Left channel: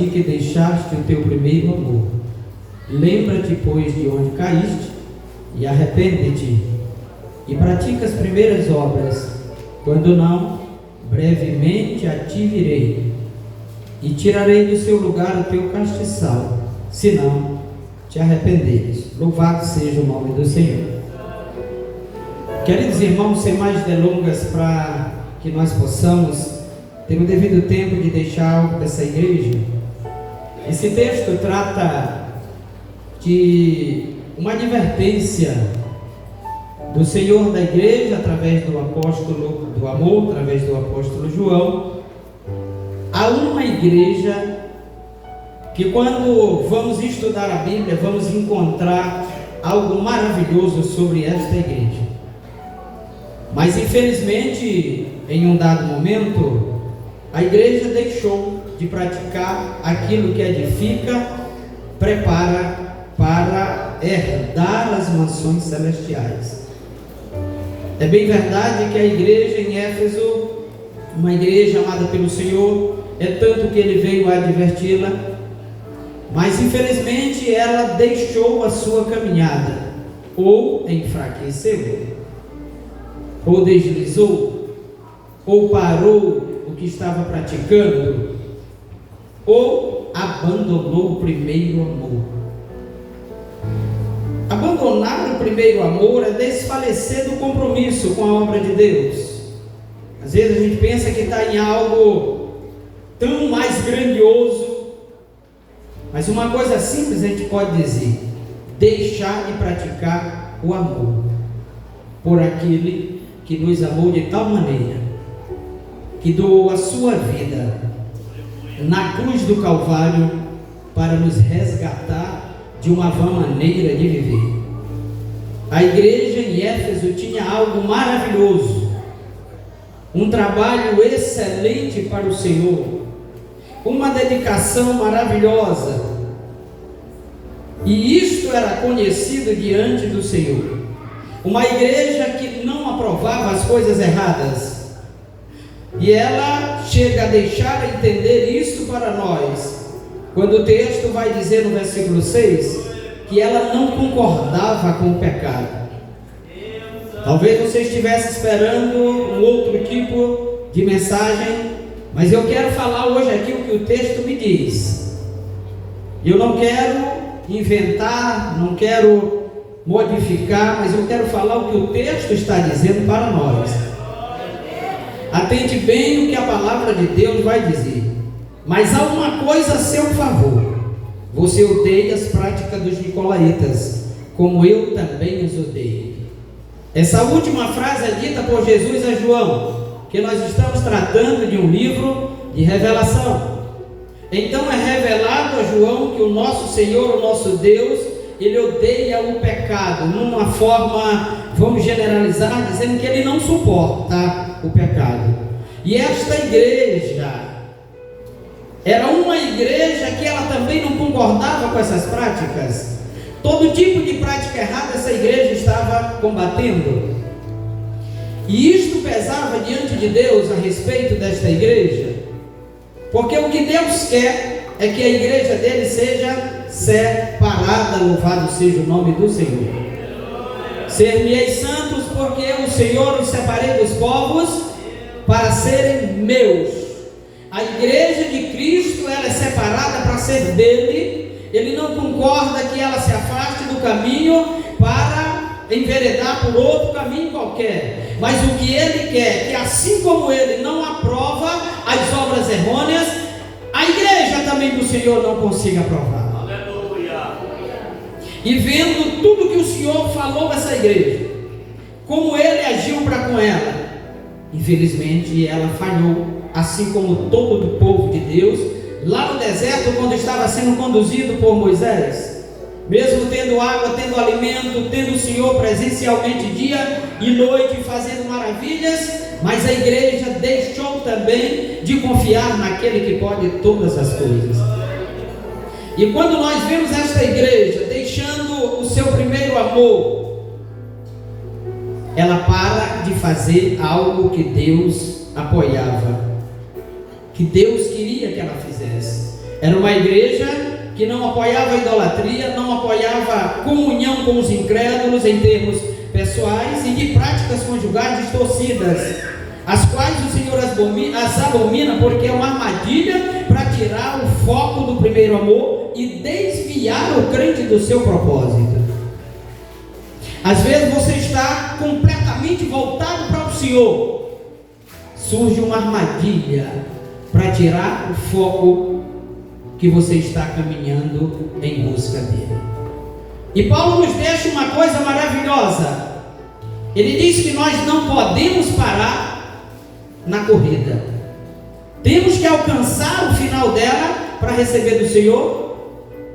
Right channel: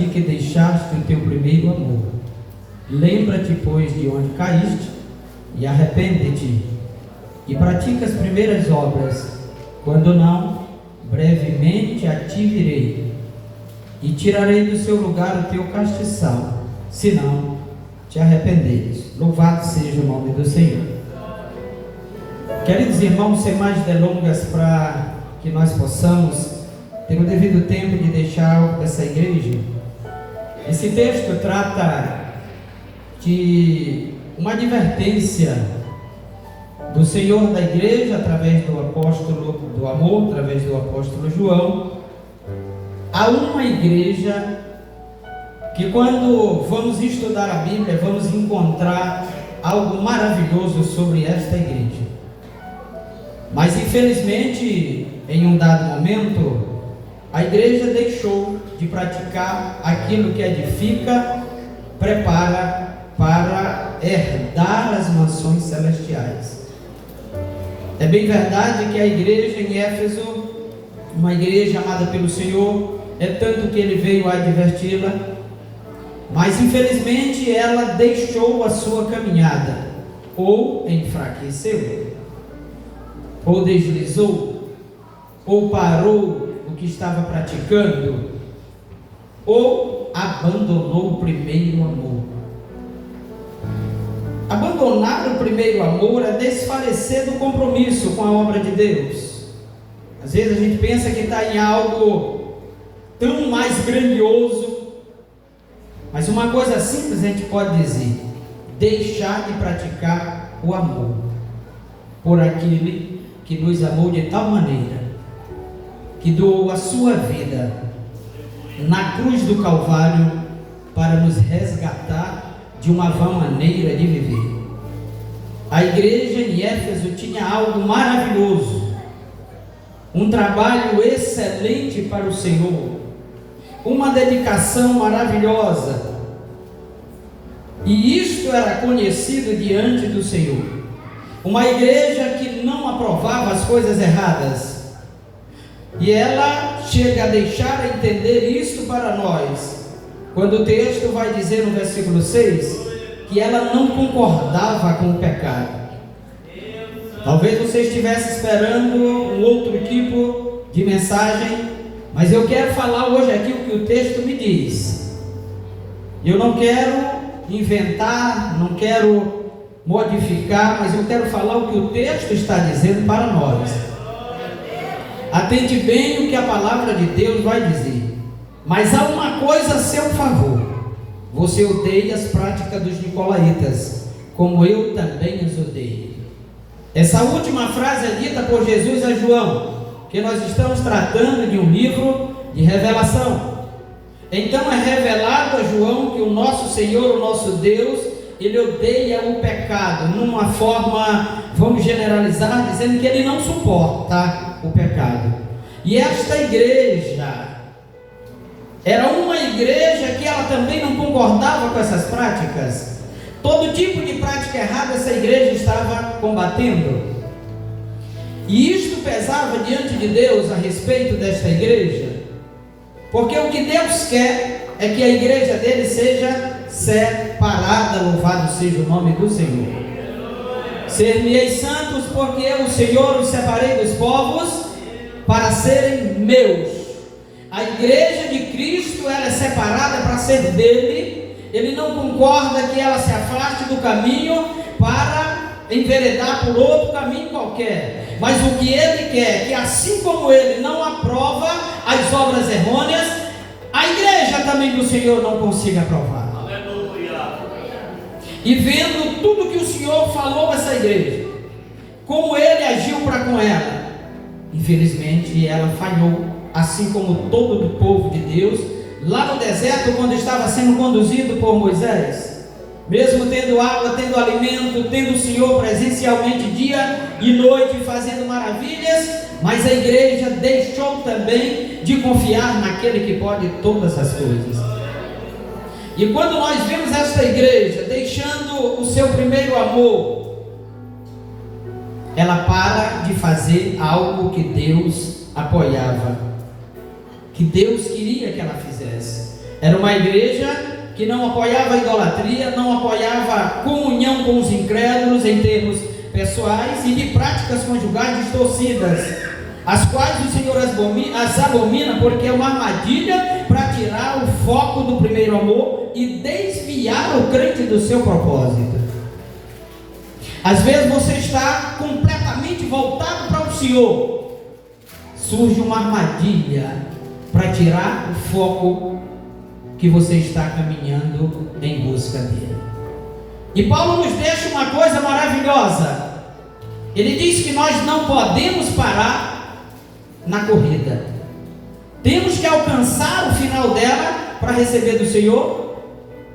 ti que deixaste o teu primeiro amor. Lembra-te, pois, de onde caíste, e arrepende-te, e pratica as primeiras obras. Quando não, brevemente a ti virei, e tirarei do seu lugar o teu castiçal, se não te arrependeres. Louvado seja o nome do Senhor. Queridos irmãos, sem mais delongas, para que nós possamos ter o devido tempo de deixar algo dessa igreja, esse texto trata de uma advertência do Senhor da igreja, através do apóstolo do amor, através do apóstolo João, a uma igreja que, quando vamos estudar a Bíblia, vamos encontrar algo maravilhoso sobre esta igreja. Mas infelizmente, em um dado momento, a igreja deixou de praticar aquilo que edifica, prepara para herdar as mansões celestiais. É bem verdade que a igreja em Éfeso, uma igreja amada pelo Senhor, é tanto que ele veio adverti-la, mas infelizmente ela deixou a sua caminhada, ou enfraqueceu, ou deslizou, ou parou o que estava praticando, ou abandonou o primeiro amor. Abandonar o primeiro amor é desfalecer do compromisso com a obra de Deus. Às vezes a gente pensa que está em algo tão mais grandioso, mas uma coisa simples a gente pode dizer: deixar de praticar o amor por aquele que nos amou de tal maneira, que doou a sua vida na cruz do Calvário para nos resgatar de uma vã maneira de viver. A igreja em Éfeso tinha algo maravilhoso, um trabalho excelente para o Senhor, uma dedicação maravilhosa, e isto era conhecido diante do Senhor. Uma igreja que não aprovava as coisas erradas, e ela chega a deixar a entender isso para nós, quando o texto vai dizer no versículo 6, que ela não concordava com o pecado. Talvez você estivesse esperando um outro tipo de mensagem, mas eu quero falar hoje aqui o que o texto me diz. Eu não quero inventar, não quero modificar, mas eu quero falar o que o texto está dizendo para nós. Atende bem o que a palavra de Deus vai dizer. Mas há uma coisa a seu favor: você odeia as práticas dos nicolaítas, como eu também os odeio. Essa última frase é dita por Jesus a João, que nós estamos tratando de um livro de revelação. Então é revelado a João que o nosso Senhor, o nosso Deus, ele odeia o pecado, numa forma, vamos generalizar, dizendo que ele não suporta o pecado. E esta igreja era uma igreja que ela também não concordava com essas práticas. Todo tipo de prática errada essa igreja estava combatendo. E isto pesava diante de Deus a respeito desta igreja, porque o que Deus quer é que a igreja dele seja separada. Louvado seja o nome do Senhor. Ser-me-eis santos, porque eu, o Senhor, os separei dos povos para serem meus. A igreja de Cristo, ela é separada para ser dele. Ele não concorda que ela se afaste do caminho para enveredar por outro caminho qualquer, mas o que ele quer é que, assim como ele não aprova as obras errôneas, a igreja também do Senhor não consiga aprovar. Aleluia. E vendo tudo que o Senhor falou dessa igreja, como ele agiu para com ela, infelizmente ela falhou, assim como todo o povo de Deus, lá no deserto, quando estava sendo conduzido por Moisés, mesmo tendo água, tendo alimento, tendo o Senhor presencialmente dia e noite fazendo maravilhas, mas a igreja deixou também de confiar naquele que pode todas as coisas. E quando nós vimos esta igreja deixando o seu primeiro amor, ela para de fazer algo que Deus apoiava, que Deus queria que ela fizesse. Era uma igreja que não apoiava a idolatria, não apoiava a comunhão com os incrédulos em termos pessoais e de práticas conjugais distorcidas, as quais o Senhor as abomina, porque é uma armadilha para tirar o foco do primeiro amor e desviar o crente do seu propósito. Às vezes você está completamente voltado para o Senhor, surge uma armadilha para tirar o foco que você está caminhando em busca dele. E Paulo nos deixa uma coisa maravilhosa. Ele diz que nós não podemos parar na corrida. Temos que alcançar o final dela para receber do Senhor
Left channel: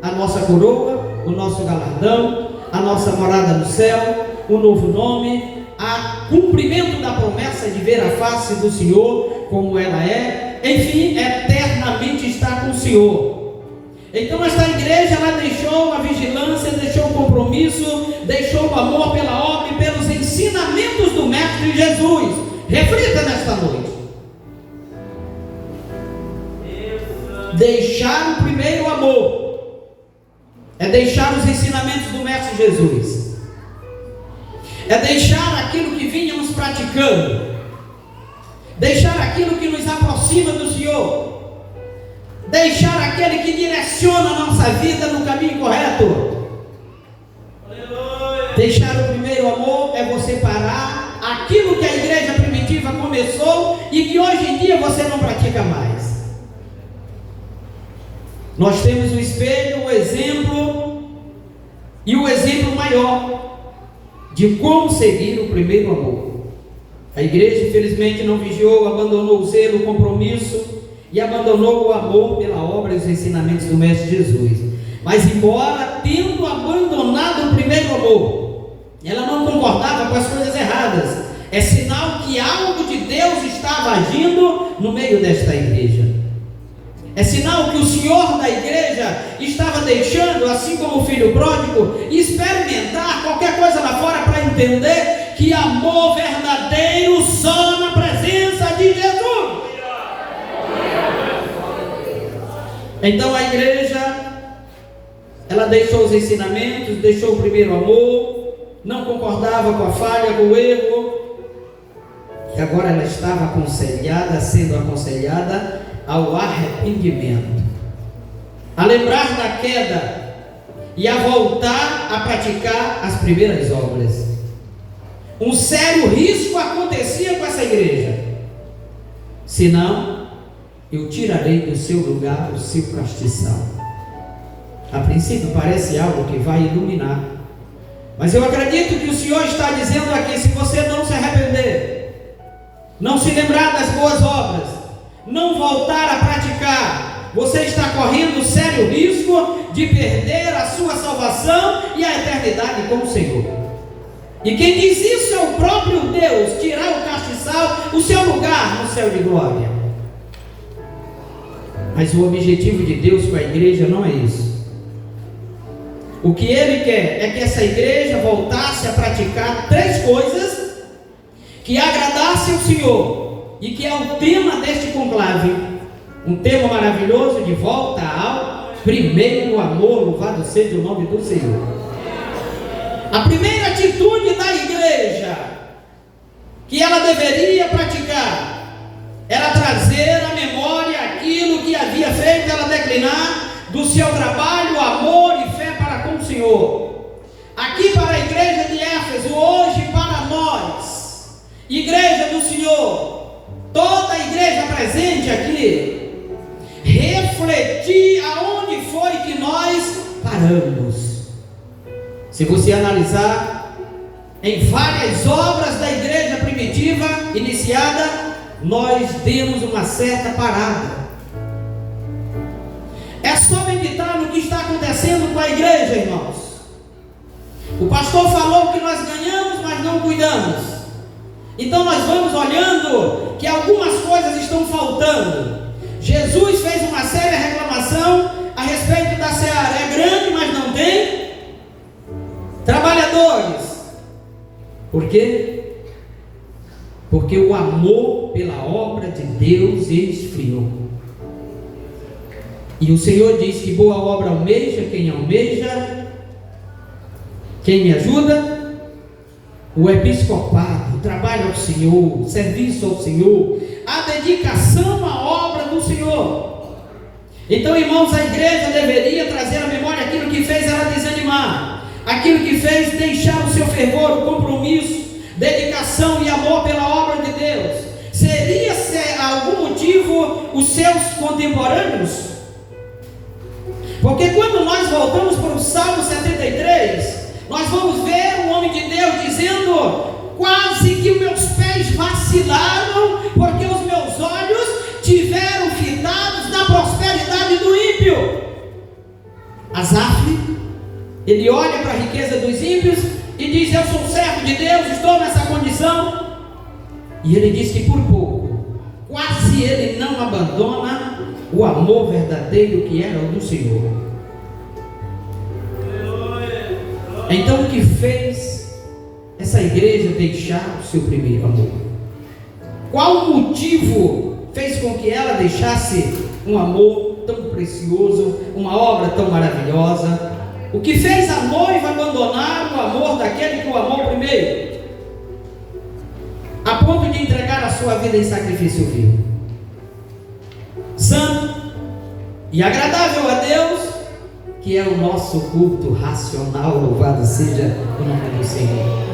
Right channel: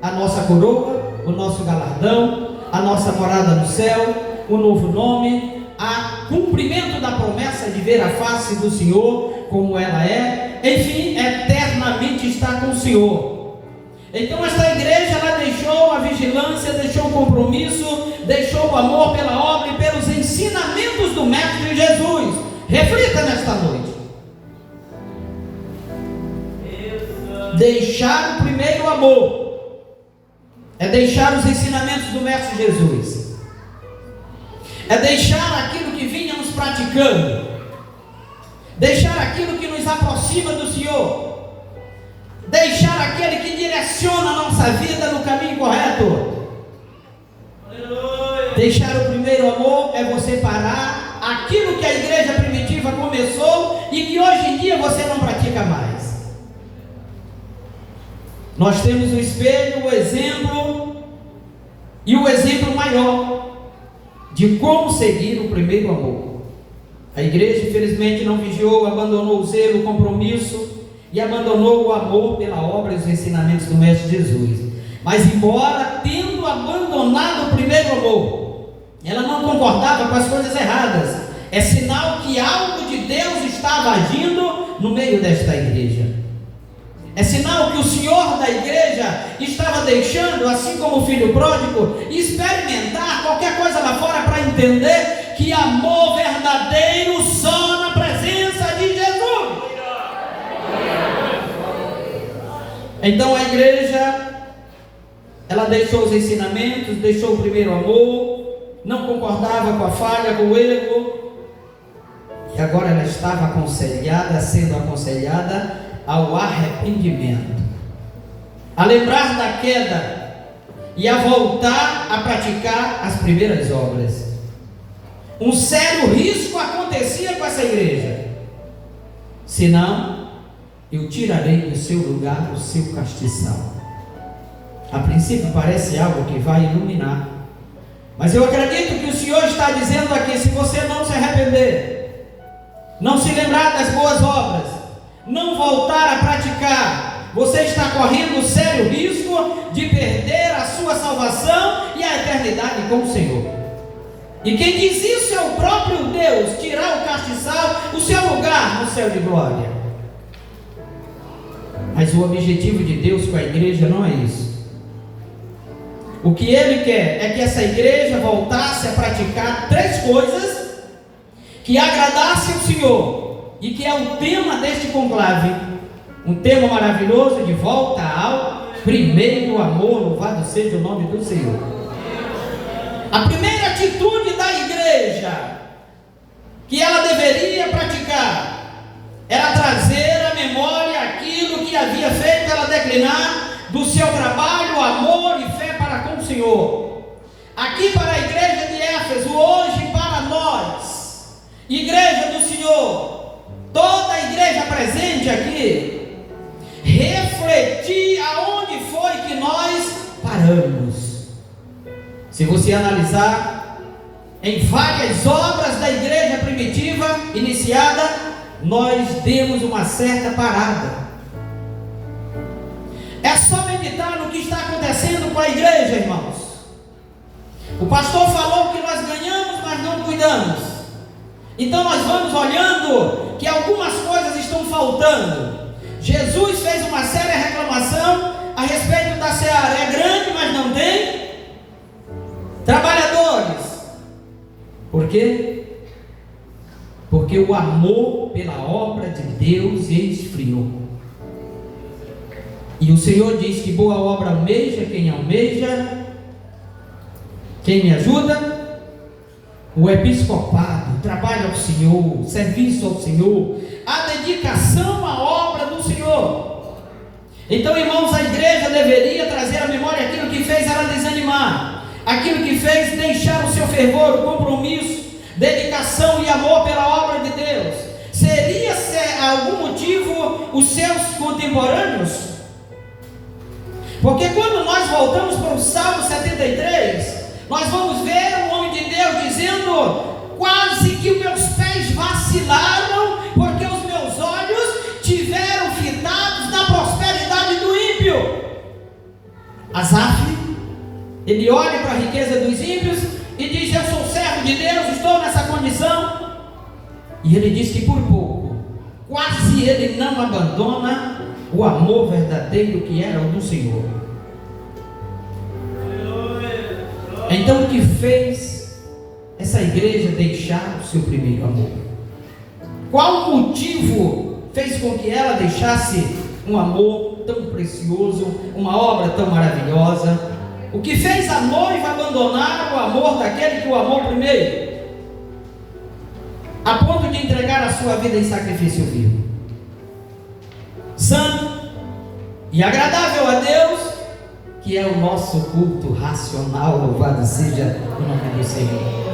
a nossa coroa, o nosso galardão, a nossa morada no céu, o novo nome, o cumprimento da promessa de ver a face do Senhor como ela é, enfim, eternamente estar com o Senhor. Então esta igreja, ela deixou a vigilância, deixou o compromisso, deixou o amor pela obra e pelos ensinamentos do Mestre Jesus. Reflita nesta noite. Deixar o primeiro amor é deixar os ensinamentos do Mestre Jesus, é deixar aquilo que vínhamos praticando, deixar aquilo que nos aproxima do Senhor, deixar aquele que direciona a nossa vida no caminho correto. Aleluia. Deixar o primeiro amor é você parar aquilo que a igreja primitiva começou e que hoje em dia você não pratica mais. Nós temos o espelho, o exemplo e o exemplo maior de como seguir o primeiro amor. A igreja infelizmente não vigiou, abandonou o zelo, o compromisso e abandonou o amor pela obra e os ensinamentos do Mestre Jesus. Mas embora tendo abandonado o primeiro amor, ela não concordava com as coisas erradas. É sinal que algo de Deus estava agindo no meio desta igreja. É sinal que o Senhor da igreja estava deixando, assim como o filho pródigo, experimentar qualquer coisa lá fora para entender que amor verdadeiro só na presença de Jesus. Então a igreja, ela deixou os ensinamentos, deixou o primeiro amor, não concordava com a falha, com o erro, e agora ela estava sendo aconselhada ao arrependimento, a lembrar da queda e a voltar a praticar as primeiras obras. Um sério risco acontecia com essa igreja: senão eu tirarei do seu lugar o seu castiçal. A princípio parece algo que vai iluminar, mas eu acredito que o Senhor está dizendo aqui: se você não se arrepender, não se lembrar das boas obras, não voltar a praticar, você está correndo sério risco de perder a sua salvação e a eternidade com o Senhor. E quem diz isso é o próprio Deus: tirar o castiçal, o seu lugar no céu de glória. Mas o objetivo de Deus com a igreja não é isso. O que Ele quer é que essa igreja voltasse a praticar três coisas que agradassem o Senhor, e que é o tema deste conclave, um tema maravilhoso de volta ao primeiro amor. Louvado seja o nome do Senhor. A primeira atitude da igreja que ela deveria praticar era trazer à memória aquilo que havia feito ela declinar do seu trabalho, amor e fé para com o Senhor. Aqui para a igreja de Éfeso, hoje para nós, igreja do Senhor, toda a igreja presente aqui, refletir aonde foi que nós paramos. Se você analisar em várias obras da igreja primitiva iniciada, nós demos uma certa parada. É só meditar no que está acontecendo com a igreja, irmãos. O pastor falou que nós ganhamos, mas não cuidamos. Então nós vamos olhando que algumas coisas estão faltando. Jesus fez uma séria reclamação a respeito da seara. É grande, mas não tem trabalhadores. Por quê? Porque o amor pela obra de Deus esfriou. E o Senhor diz que boa obra almeja, quem me ajuda? O episcopado, o trabalho ao Senhor, o serviço ao Senhor, a dedicação à obra do Senhor. Então, irmãos, a igreja deveria trazer à memória aquilo que fez ela desanimar, aquilo que fez deixar o seu fervor, o compromisso, dedicação e amor pela obra de Deus. Seria algum motivo os seus contemporâneos? Porque quando nós voltamos para o Salmo 73, nós vamos ver um homem de Deus dizendo: quase que meus pés vacilaram, porque os meus olhos tiveram fitados na prosperidade do ímpio. Asaf, ele olha para a riqueza dos ímpios e diz: eu sou servo de Deus, estou nessa condição. E ele diz que por pouco, quase ele não abandona o amor verdadeiro que era o do Senhor. Então, o que fez essa igreja deixar o seu primeiro amor? Qual motivo fez com que ela deixasse um amor tão precioso, uma obra tão maravilhosa? O que fez a noiva abandonar o amor daquele que o amou primeiro, a ponto de entregar a sua vida em sacrifício vivo, santo e agradável a Deus, que é o nosso culto racional? Louvado seja o nome do Senhor.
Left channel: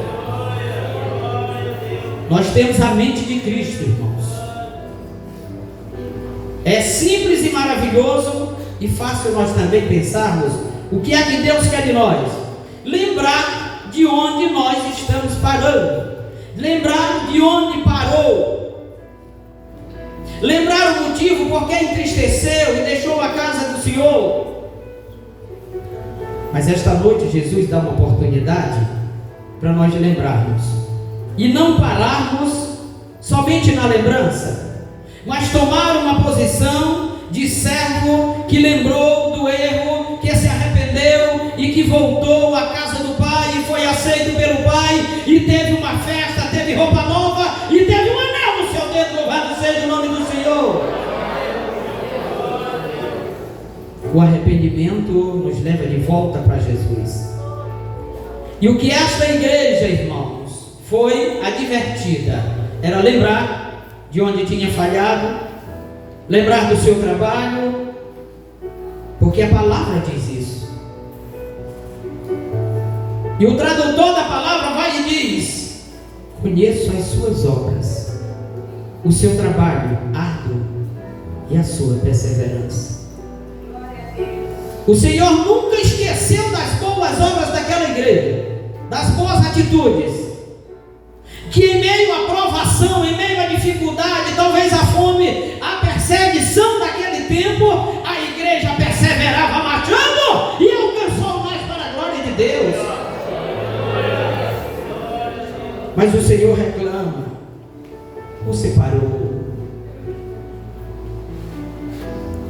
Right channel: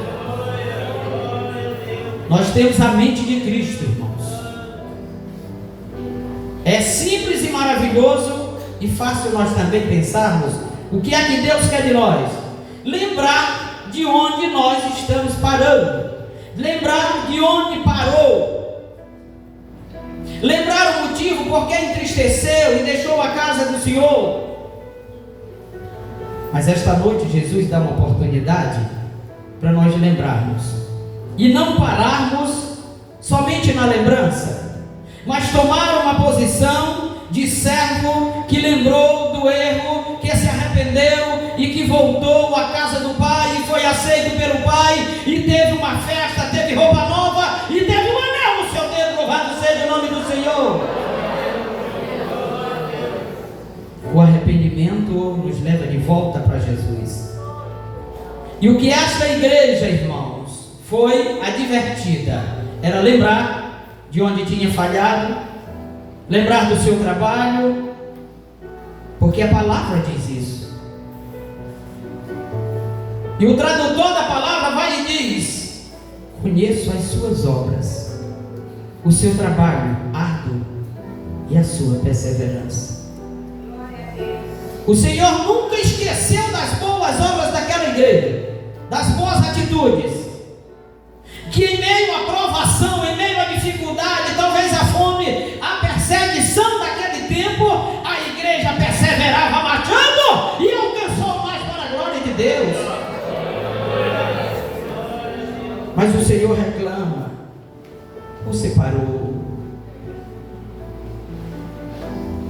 Nós temos a mente de Cristo, irmãos. É simples e maravilhoso e fácil nós também pensarmos o que é que Deus quer de nós. Lembrar de onde nós estamos parando, lembrar de onde parou, lembrar o motivo por que entristeceu e deixou a casa do Senhor. Mas esta noite Jesus dá uma oportunidade para nós lembrarmos e não pararmos somente na lembrança, mas tomar uma posição de servo que lembrou do erro, que se arrependeu e que voltou à casa do Pai e foi aceito pelo Pai e teve uma festa, teve roupa nova e teve um anel no seu dedo. Louvado seja o nome do Senhor. O arrependimento nos leva de volta para Jesus. E o que esta igreja, irmãos, foi advertida era lembrar de onde tinha falhado, lembrar do seu trabalho, porque a palavra diz isso. E o tradutor da palavra vai e diz: conheço as suas obras, o seu trabalho árduo e a sua perseverança. O Senhor nunca esqueceu das boas obras daquela igreja, das boas atitudes, que em meio à provação, em meio à dificuldade, talvez a fome, a perseguição daquele tempo, a igreja perseverava marchando e alcançou mais para a glória de Deus. Mas o Senhor reclama: você parou,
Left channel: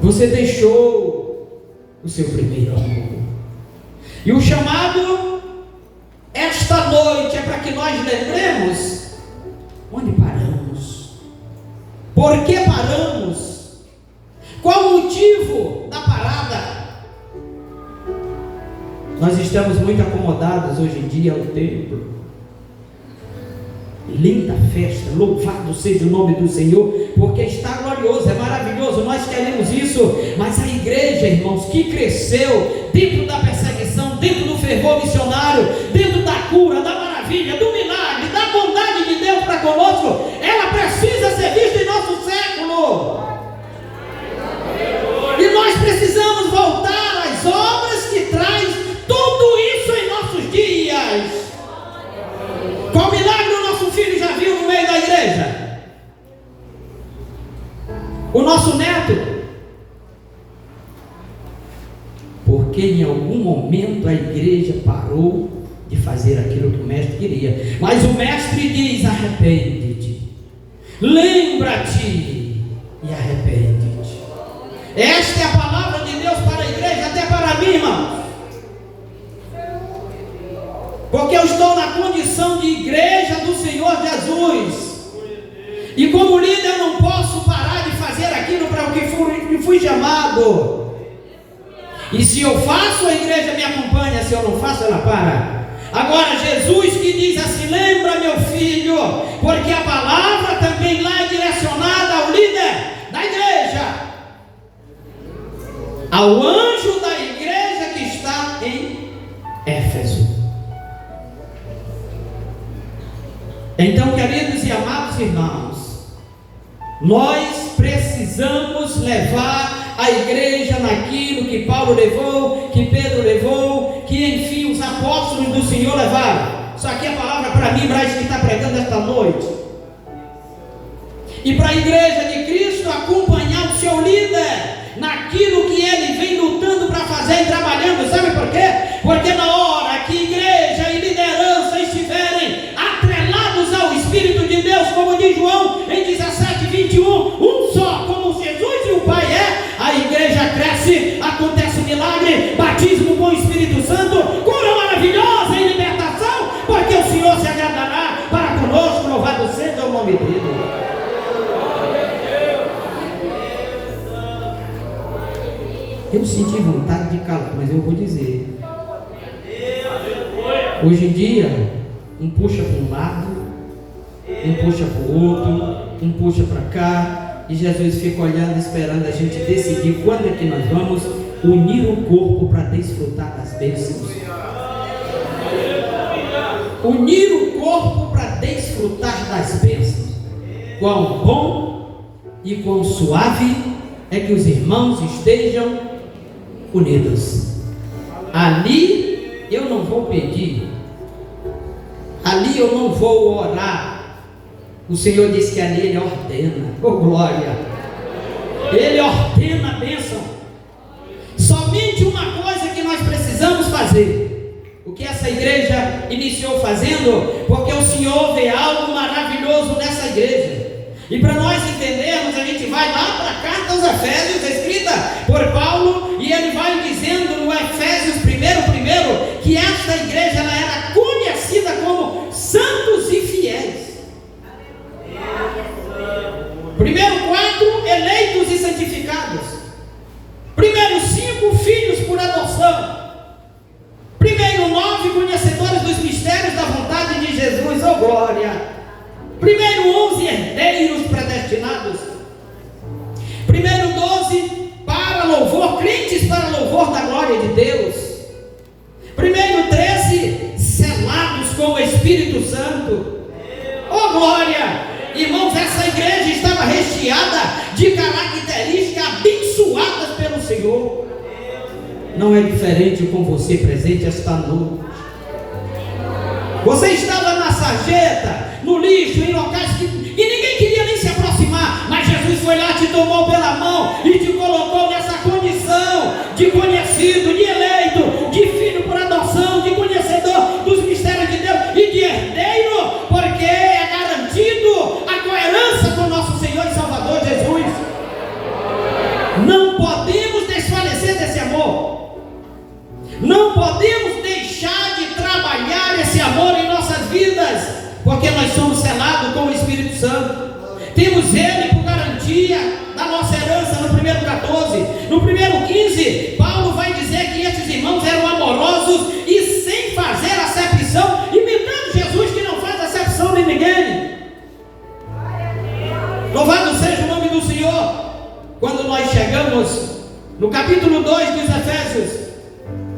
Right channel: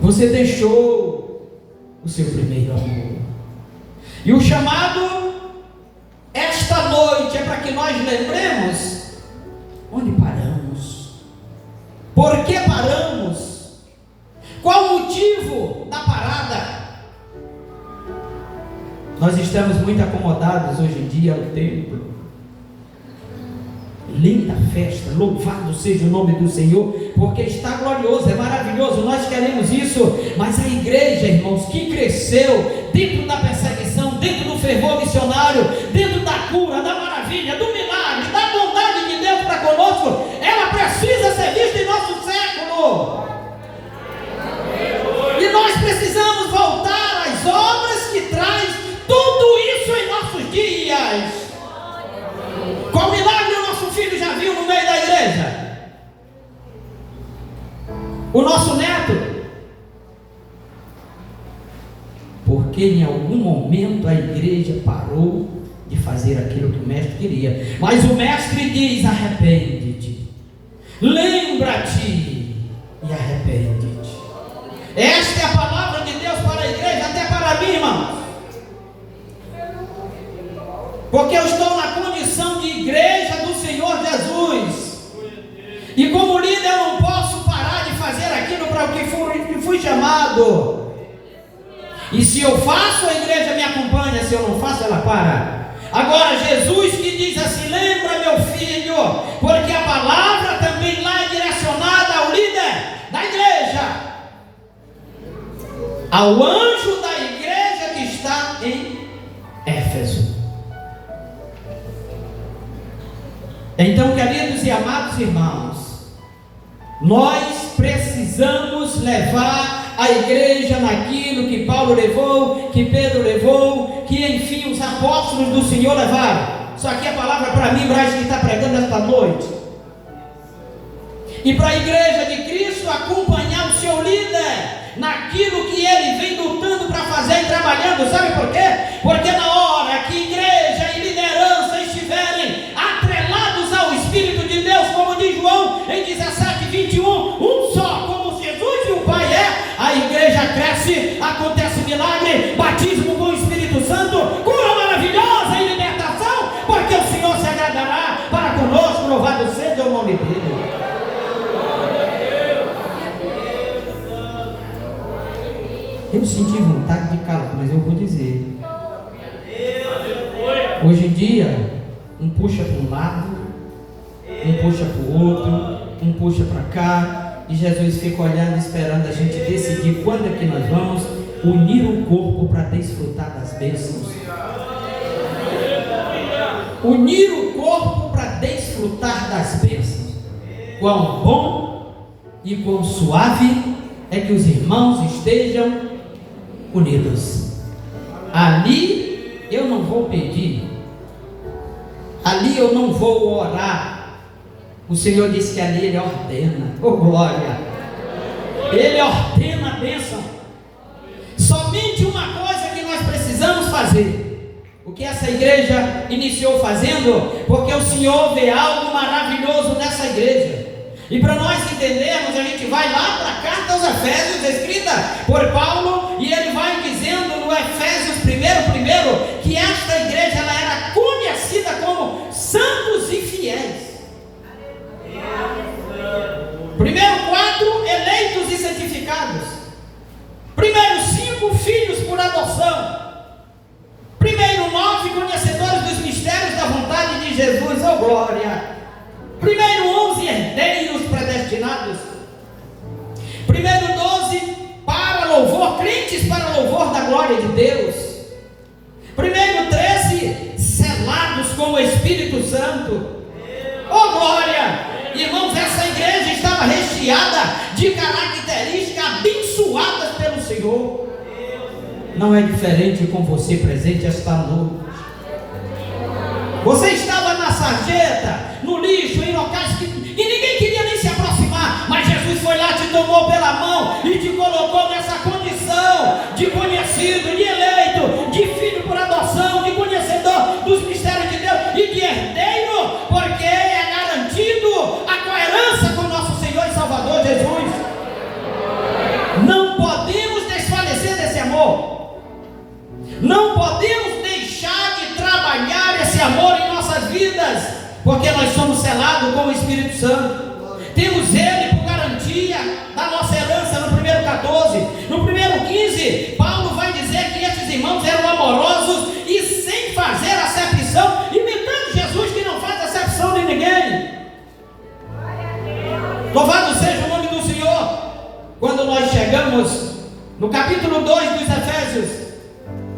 você deixou o seu primeiro amor. E o chamado esta noite é para que nós lembremos onde paramos, por que paramos, qual o motivo da parada. Nós estamos muito acomodados hoje em dia ao templo. Linda festa, louvado seja o nome do Senhor, porque está glorioso, é maravilhoso, nós queremos isso. Mas a igreja, irmãos, que cresceu dentro da perseguição, dentro do fervor missionário, dentro da cura, da maravilha, do milagre, da bondade de Deus para conosco, ela precisa ser vista em nosso século. E nós precisamos voltar às obras que traz tudo isso em nossos dias. Qual milagre o nosso filho já viu no meio da igreja? O nosso neto? Porque em algum momento a igreja parou de fazer aquilo que o mestre queria. Mas o mestre diz: arrepende-te, lembra-te e arrepende-te. Esta é a palavra de Deus para a igreja, até para mim, irmãos. Porque eu estou na condição de igreja do Senhor Jesus, e como líder eu não posso parar de fazer aquilo para o que fui chamado. E se eu faço, a igreja me acompanha, se eu não faço, ela para. Agora Jesus que diz assim: lembra, meu filho, porque a palavra também lá é direcionada ao líder da igreja, ao anjo da igreja que está em Éfeso. Então, queridos e amados irmãos, nós precisamos levar a igreja naquilo que Paulo levou, que Pedro levou, que enfim os apóstolos do Senhor levaram. Isso aqui é a palavra para mim, Braz, que está pregando esta noite. E para a igreja de Cristo acompanhar o seu líder naquilo que ele vem lutando para fazer e trabalhando. Sabe por quê? Porque na hora que igreja e liderança estiverem atrelados ao Espírito de Deus, como diz João em 17:21, um só, como Jesus e o Pai é, a igreja cresce, acontece um milagre, batismo com o Espírito Santo, cura maravilhosa e libertação, porque o Senhor se agradará para conosco. Louvado seja o nome dele. Eu senti vontade de calar, mas eu vou dizer. Hoje em dia, um puxa para um lado, um puxa para o outro, um puxa para cá, e Jesus fica olhando, esperando a gente decidir quando é que nós vamos unir o corpo para desfrutar das bênçãos. Unir o corpo para desfrutar das bênçãos. Quão bom e quão suave é que os irmãos estejam unidos. Ali eu não vou pedir, ali eu não vou orar. O Senhor disse que ali Ele ordena. Oh glória! Ele ordena a bênção. Somente uma coisa que nós precisamos fazer, o que essa igreja iniciou fazendo, porque o Senhor vê algo maravilhoso nessa igreja. E para nós entendermos, a gente vai lá para a carta aos Efésios, escrita por Paulo, e ele vai dizendo no Efésios primeiro, que esta igreja ela era conhecida como santos e fiéis. Primeiro 4, eleitos e santificados. Primeiro 5, filhos por adoção. Primeiro 9, conhecedores dos mistérios da vontade de Jesus. Oh glória! Primeiro 11, herdeiros predestinados. Primeiro 12, para louvor, crentes para louvor da glória de Deus. Primeiro 13, selados com o Espírito Santo. Oh glória! Irmãos, essa igreja estava recheada de características abençoadas pelo Senhor. Não é diferente com você presente esta noite. Você estava na sarjeta, no lixo, em locais que ninguém queria nem se aproximar, mas Jesus foi lá, te tomou pela mão e te colocou nessa condição de conhecido, de eleito, de filho por adoção, de conhecedor dos mistérios de Deus e de herdeiro, porque é garantido a coerência com nosso Senhor e Salvador Jesus. Não podemos desfalecer desse amor, não podemos deixar de trabalhar esse amor em nossas vidas, porque nós somos selados com o Espírito Santo. Temos Ele por garantia da nossa herança. No primeiro 14, no primeiro 15, Paulo vai dizer que esses irmãos eram amorosos e sem fazer acepção, imitando Jesus que não faz acepção de ninguém. Louvado seja o nome do Senhor. Quando nós chegamos no capítulo 2 dos Efésios,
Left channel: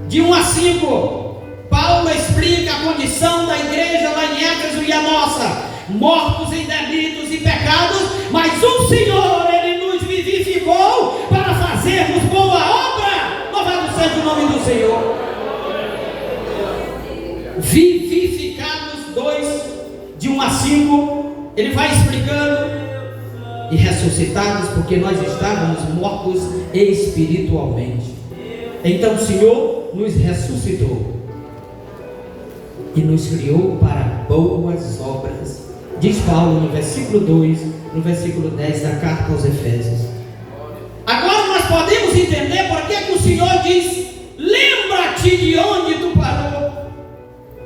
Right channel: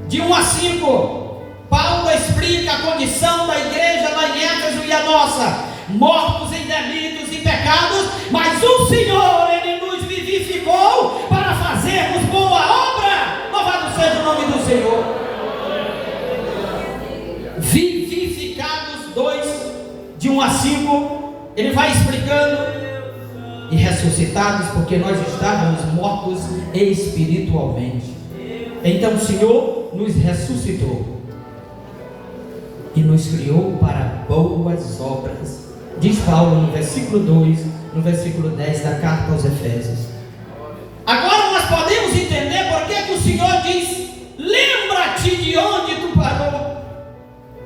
de 1 a 5, Paulo explica a condição da igreja lá em Éfeso e a nossa: mortos em delitos e pecados, mas o Senhor, Ele nos vivificou para fazermos boa obra. Louvado seja o nome do Senhor. Vivificados 2, de 1 a 5, ele vai explicando. E ressuscitados, porque nós estávamos mortos espiritualmente. Então o Senhor nos ressuscitou e nos criou para boas obras, diz Paulo no versículo 2, no versículo 10 da carta aos Efésios. Agora nós podemos entender por que o Senhor diz: lembra-te de onde tu parou.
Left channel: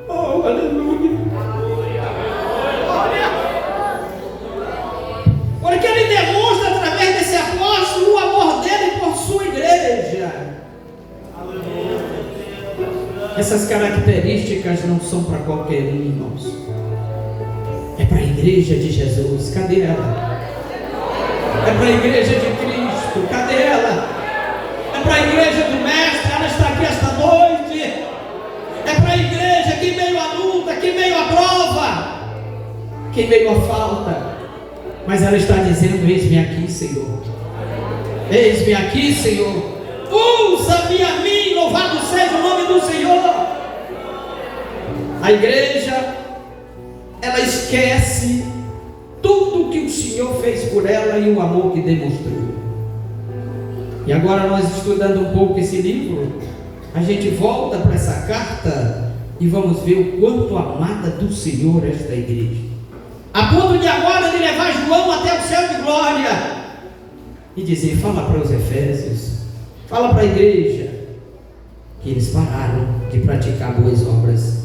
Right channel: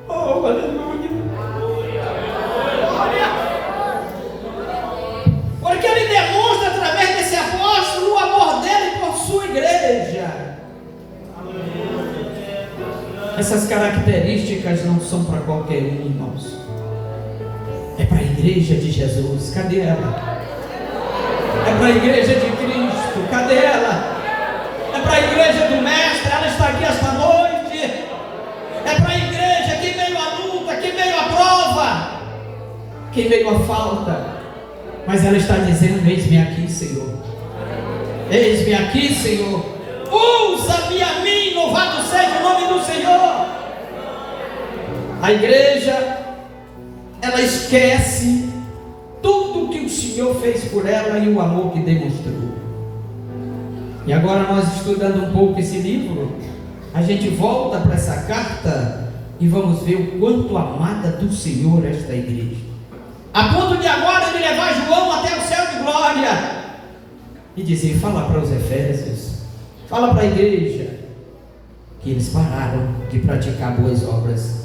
Oh, aleluia! Porque Ele demonstra através desse apóstolo o amor dele por sua igreja. Essas características não são para qualquer um, irmãos. É para a igreja de Jesus. Cadê ela? É para a igreja de Cristo. Cadê ela? É para a igreja do Mestre. Ela está aqui esta noite. É para a igreja que veio a luta, que veio a prova, que veio a falta. Mas ela está dizendo: eis-me aqui, Senhor. Eis-me aqui, Senhor. Usa-me a mim, louvado seja o nome do Senhor. A igreja, ela esquece tudo que o Senhor fez por ela e o amor que demonstrou. E agora, nós estudando um pouco esse livro, a gente volta para essa carta e vamos ver o quanto amada do Senhor esta igreja, a ponto de agora ele levar João até o céu de glória e dizer: fala para os Efésios, fala para a igreja, que eles pararam de praticar boas obras.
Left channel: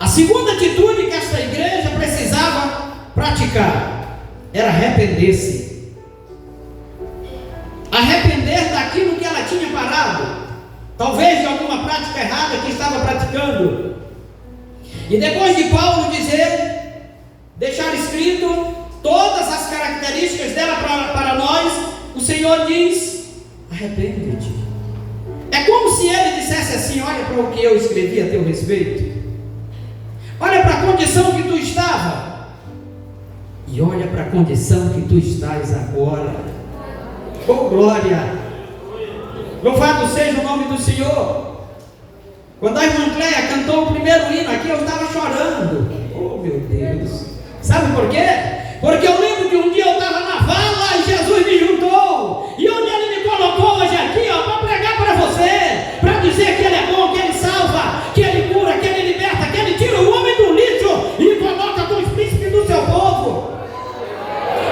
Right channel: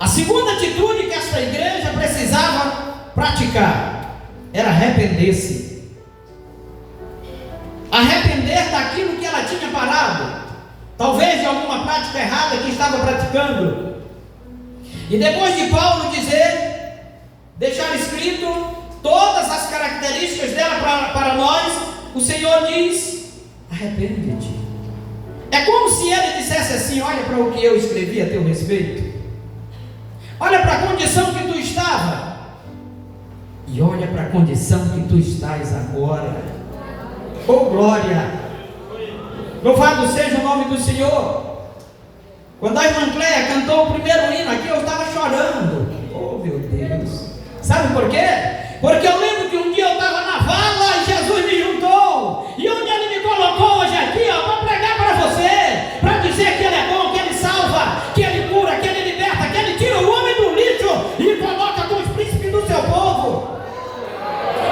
A segunda atitude que esta igreja precisava praticar era arrepender-se. Arrepender daquilo que ela tinha parado, talvez de alguma prática errada que estava praticando. E depois de Paulo deixar escrito todas as características dela para nós, o Senhor diz: arrepende-te. É como se ele dissesse assim: olha para o que eu escrevi a teu respeito, olha para a condição que tu estava, e olha para a condição que tu estás agora. Oh glória! Louvado seja o nome do Senhor. Quando a irmã Cléia cantou o primeiro hino aqui, eu estava chorando. Oh meu Deus! Sabe por quê? Porque eu lembro que um dia eu estava na vala e Jesus me juntou, e onde ele me colocou hoje aqui, para pregar para você, para dizer que ele é bom, que ele salva, que ele cura, que ele liberta, que ele tira o homem do lixo e coloca com os príncipes do seu povo.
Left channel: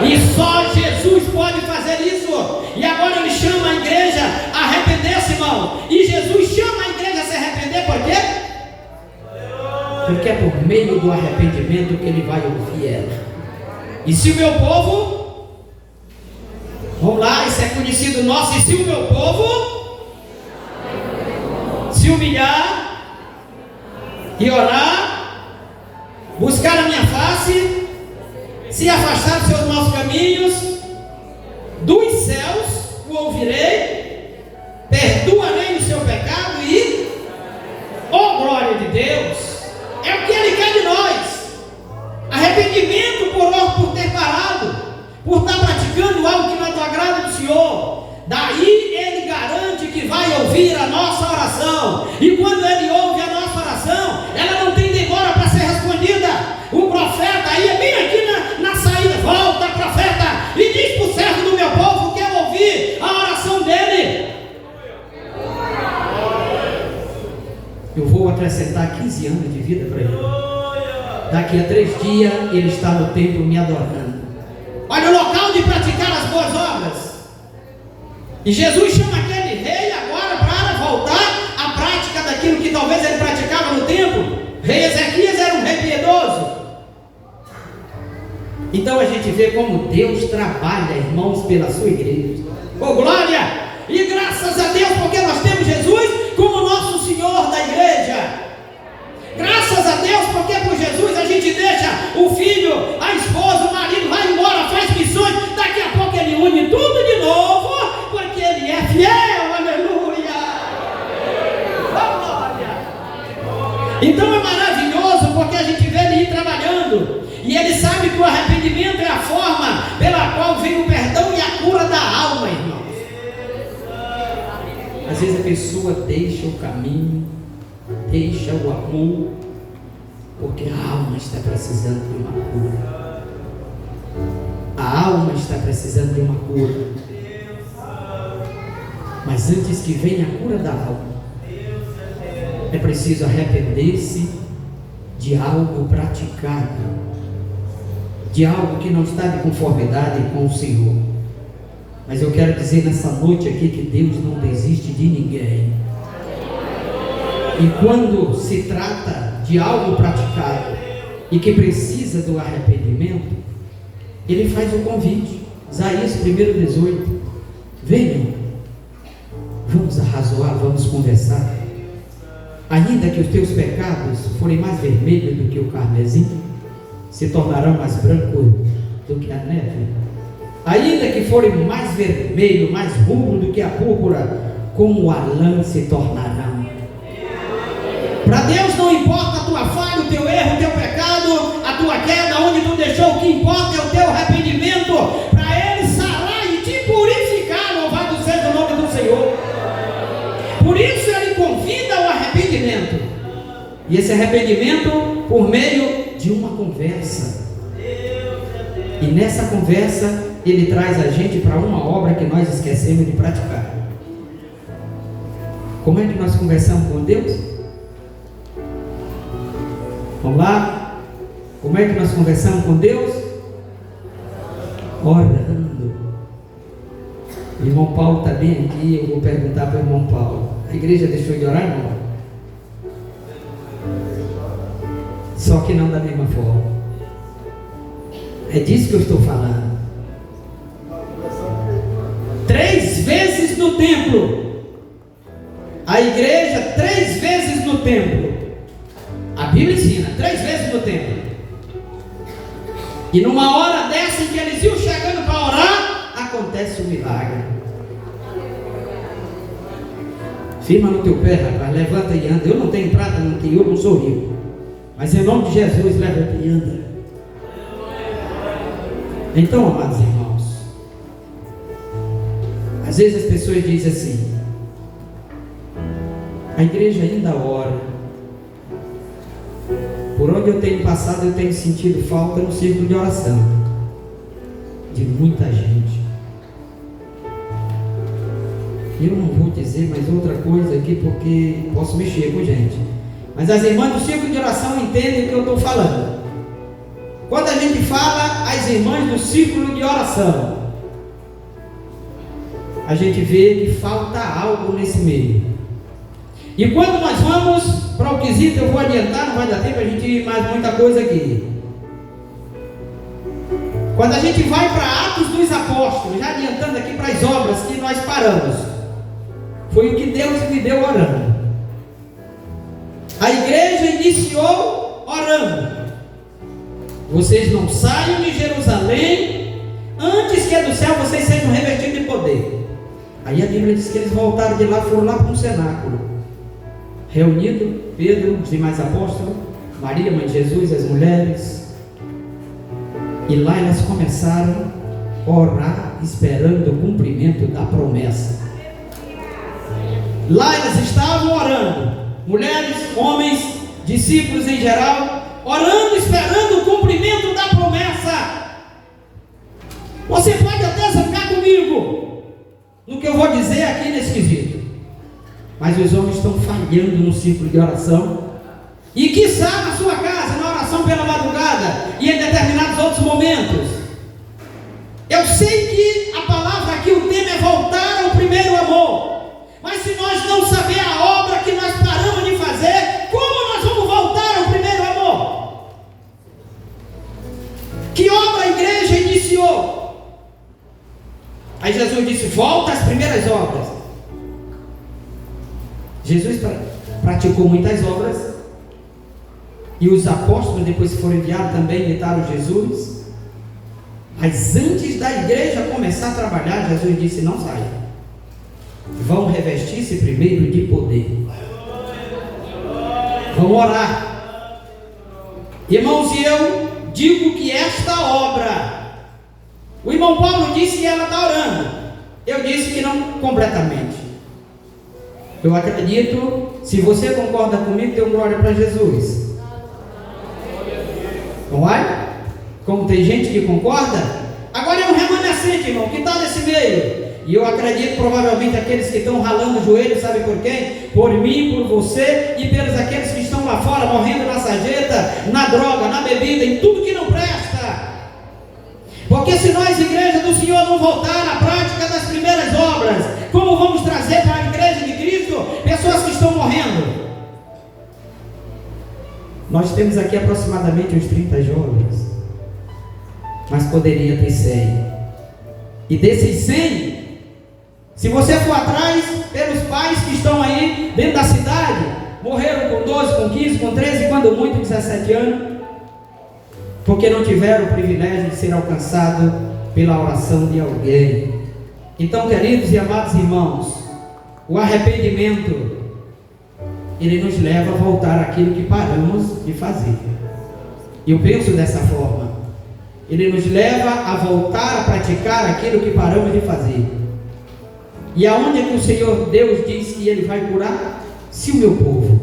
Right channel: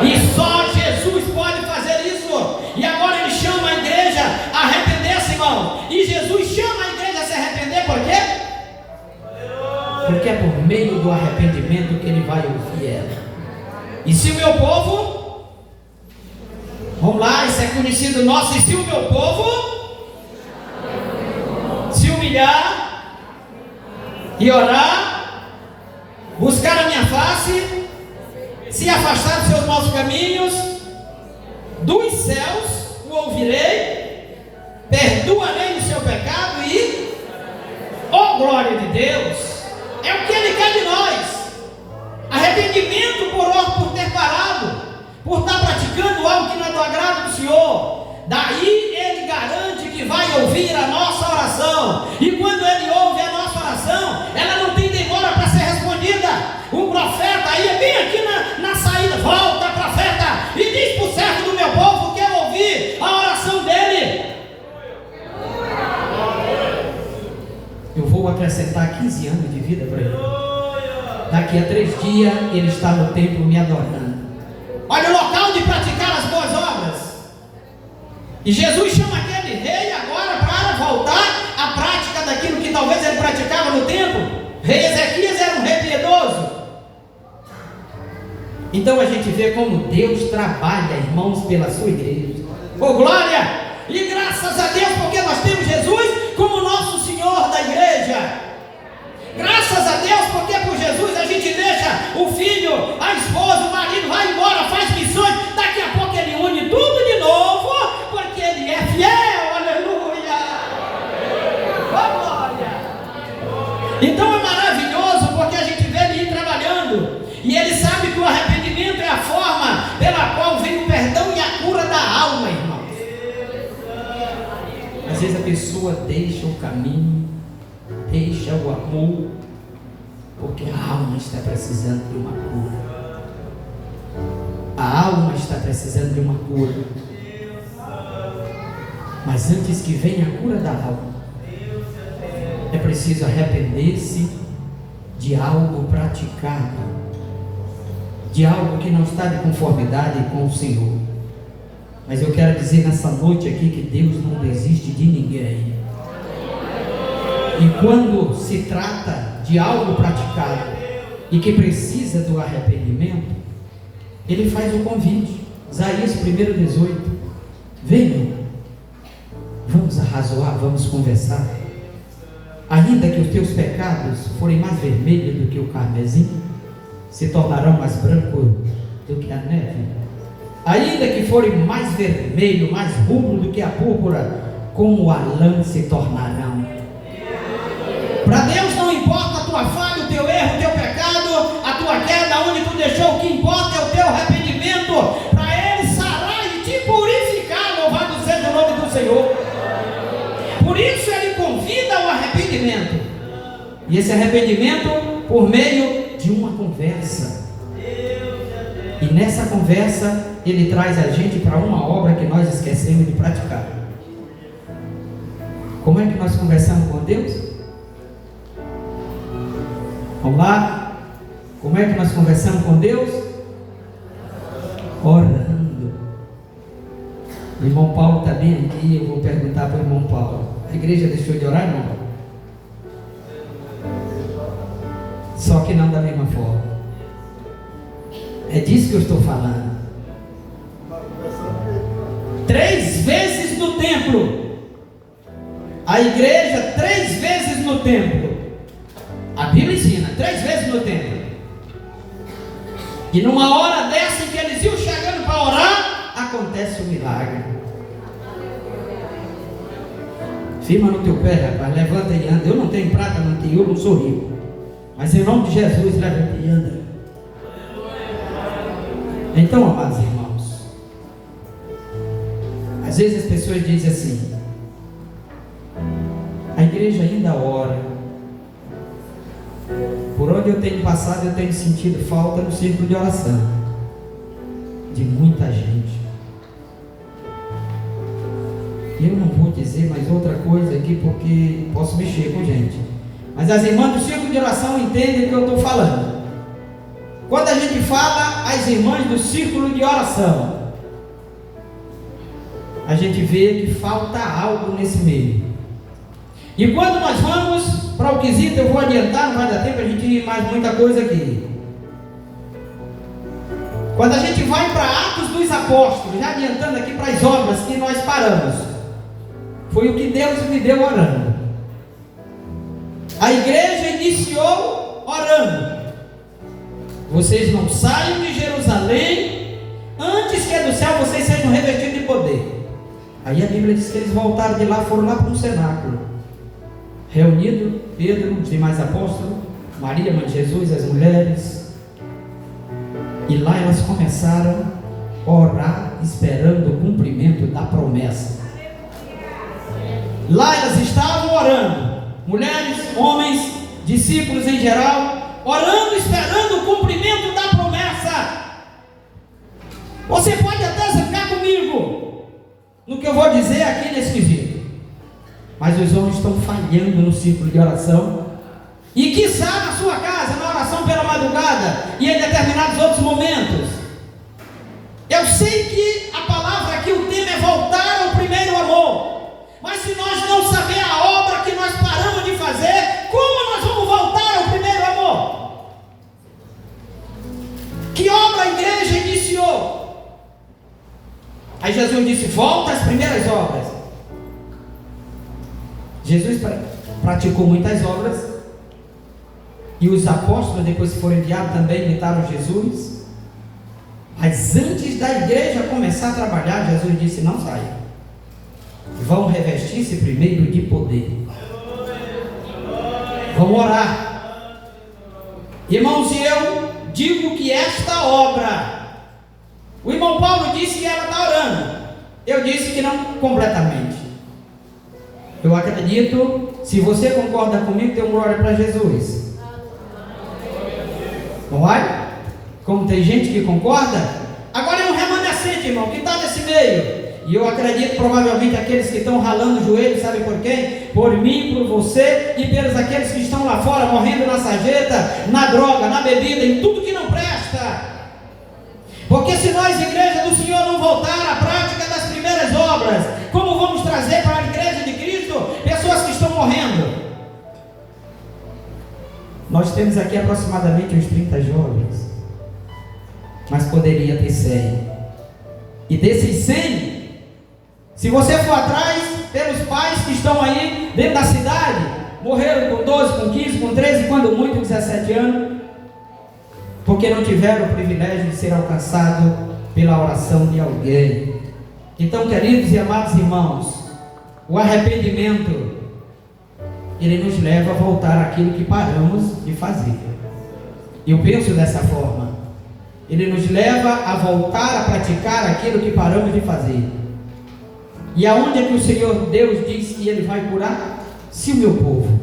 E só Jesus pode fazer isso. E agora ele chama a igreja a arrepender-se, irmão. E Jesus chama a igreja a se arrepender por quê? Porque é por meio do arrependimento que ele vai ouvir ela. E se o meu povo, vamos lá, isso é conhecido nosso, e se o meu povo se humilhar e orar, buscar a minha face, se afastar dos seus maus caminhos, dos céus o ouvirei, perdoarei o seu pecado e, oh glória de Deus, é o que ele quer de nós. Arrependimento por ter parado, por estar praticando algo que não é do agrado do Senhor. Daí ele garante que vai ouvir a nossa oração. E quando ele ouve a nossa oração, ela não tem demora para ser respondida. O profeta aí é bem aqui na saída: volta, profeta, e diz para o servo do meu povo que eu ouvi a oração dele. Eu vou acrescentar 15 anos de vida para ele. Daqui a 3 dias ele está no templo me adorando. Olha o local de praticar as boas obras. E Jesus chama aquele rei agora para voltar à prática daquilo que talvez ele praticava no templo. Rei Ezequias era um rei piedoso. Então a gente vê como Deus trabalha, irmãos, pela sua igreja. Oh glória! E graças a Deus, porque nós temos Jesus como nosso Senhor da igreja. Graças a Deus, porque por Jesus a gente deixa o filho, a esposa, o marido, vai embora, faz missões. Daqui a pouco ele une tudo de novo, porque ele é fiel. Aleluia! Oh glória! Então é maravilhoso, porque a gente vê ele ir trabalhando, e ele sabe que o arrependimento é a forma pela qual vem o perdão e a cura da alma, irmãos. Às vezes a pessoa deixa o caminho, deixa o amor, porque a alma está precisando de uma cura. A alma está precisando de uma cura. Mas antes que venha a cura da alma, é preciso arrepender-se de algo praticado, de algo que não está de conformidade com o Senhor. Mas eu quero dizer nessa noite aqui que Deus não desiste de ninguém. E quando se trata de algo praticado e que precisa do arrependimento, ele faz o convite. Isaías 1:18. Venham, vamos arrazoar, vamos conversar. Ainda que os teus pecados forem mais vermelhos do que o carmesim, se tornarão mais brancos do que a neve. Ainda que forem mais vermelho, mais rubro do que a púrpura, como a lã se tornarão. Para Deus não importa a tua falha, o teu erro, o teu pecado, a tua queda, onde tu deixou. O que importa é o teu arrependimento, para Ele sarar e te purificar. Louvado seja o nome do Senhor. Por isso Ele convida ao arrependimento, e esse arrependimento por meio de uma conversa. E nessa conversa Ele traz a gente para uma obra que nós esquecemos de praticar. Como é que nós conversamos com Deus? Vamos lá? Como é que nós conversamos com Deus? Orando. O irmão Paulo está bem aqui. Eu vou perguntar para o irmão Paulo: a igreja deixou de orar? Não. Só que não da mesma forma. É disso que eu estou falando. 3 vezes no templo. A igreja 3 vezes no templo. A Bíblia ensina 3 vezes no templo. E numa hora dessa em que eles iam chegando para orar, acontece um milagre. Firma no teu pé, rapaz, levanta e anda. Eu não tenho prata, não tenho ouro, não sou rico, mas em nome de Jesus, levanta e anda. Então, amados irmãos, às vezes as pessoas dizem assim: a igreja ainda ora. Por onde eu tenho passado, eu tenho sentido falta no círculo de oração de muita gente. Eu não vou dizer mais outra coisa aqui, porque posso mexer com gente, mas as irmãs do círculo de oração entendem o que eu estou falando. Quando a gente fala as irmãs do círculo de oração, a gente vê que falta algo nesse meio. E quando nós vamos para o quesito, eu vou adiantar, não vai dar tempo a gente ir mais muita coisa aqui. Quando a gente vai para Atos dos Apóstolos, já adiantando aqui para as obras que nós paramos, foi o que Deus me deu orando. A igreja iniciou orando: vocês não saiam de Jerusalém antes que do céu vocês sejam revestidos de poder. Aí a Bíblia diz que eles voltaram de lá, foram lá para um cenáculo, reunido Pedro, os demais apóstolos, Maria, mãe de Jesus, as mulheres, e lá elas começaram a orar, esperando o cumprimento da promessa. Lá elas estavam orando, mulheres, homens, discípulos em geral, orando, esperando o cumprimento da promessa. Você pode até zangar comigo no que eu vou dizer aqui nesse quesito, mas os homens estão falhando no círculo de oração, e quiçá na sua casa, na oração pela madrugada e em determinados outros momentos. Eu sei que a palavra aqui, o tema é voltar ao primeiro amor, mas se nós não saber a obra que nós paramos de fazer, como nós vamos voltar ao primeiro amor? Que obra a igreja iniciou? Aí Jesus disse: volta às primeiras obras. Jesus praticou muitas obras, e os apóstolos, depois que foram enviados, também imitaram Jesus. Mas antes da igreja começar a trabalhar, Jesus disse: não saia, vão revestir-se primeiro de poder, vão orar. Irmãos, e eu digo que esta obra, o irmão Paulo disse que ela está orando, eu disse que não completamente. Eu acredito, se você concorda comigo, dê glória para Jesus. Não vai? Como tem gente que concorda? Agora é um remanescente, irmão, que está nesse meio. E eu acredito, provavelmente, aqueles que estão ralando o joelho, sabe por quem? Por mim, por você e pelos aqueles que estão lá fora, morrendo na sarjeta, na droga, na bebida, em tudo que não presta. Porque se nós, igreja do Senhor, não voltar à prática das primeiras obras, como vamos trazer para a igreja de Cristo pessoas que estão morrendo? Nós temos aqui aproximadamente uns 30 jovens, mas poderia ter 100. E desses 100, se você for atrás pelos pais que estão aí dentro da cidade, morreram com 12, com 15, com 13, quando muito 17 anos, porque não tiveram o privilégio de ser alcançado pela oração de alguém. Então, queridos e amados irmãos, o arrependimento, ele nos leva a voltar àquilo que paramos de fazer. Eu penso dessa forma. Ele nos leva a voltar a praticar aquilo que paramos de fazer. E aonde é que o Senhor Deus diz que Ele vai curar? Se o meu povo,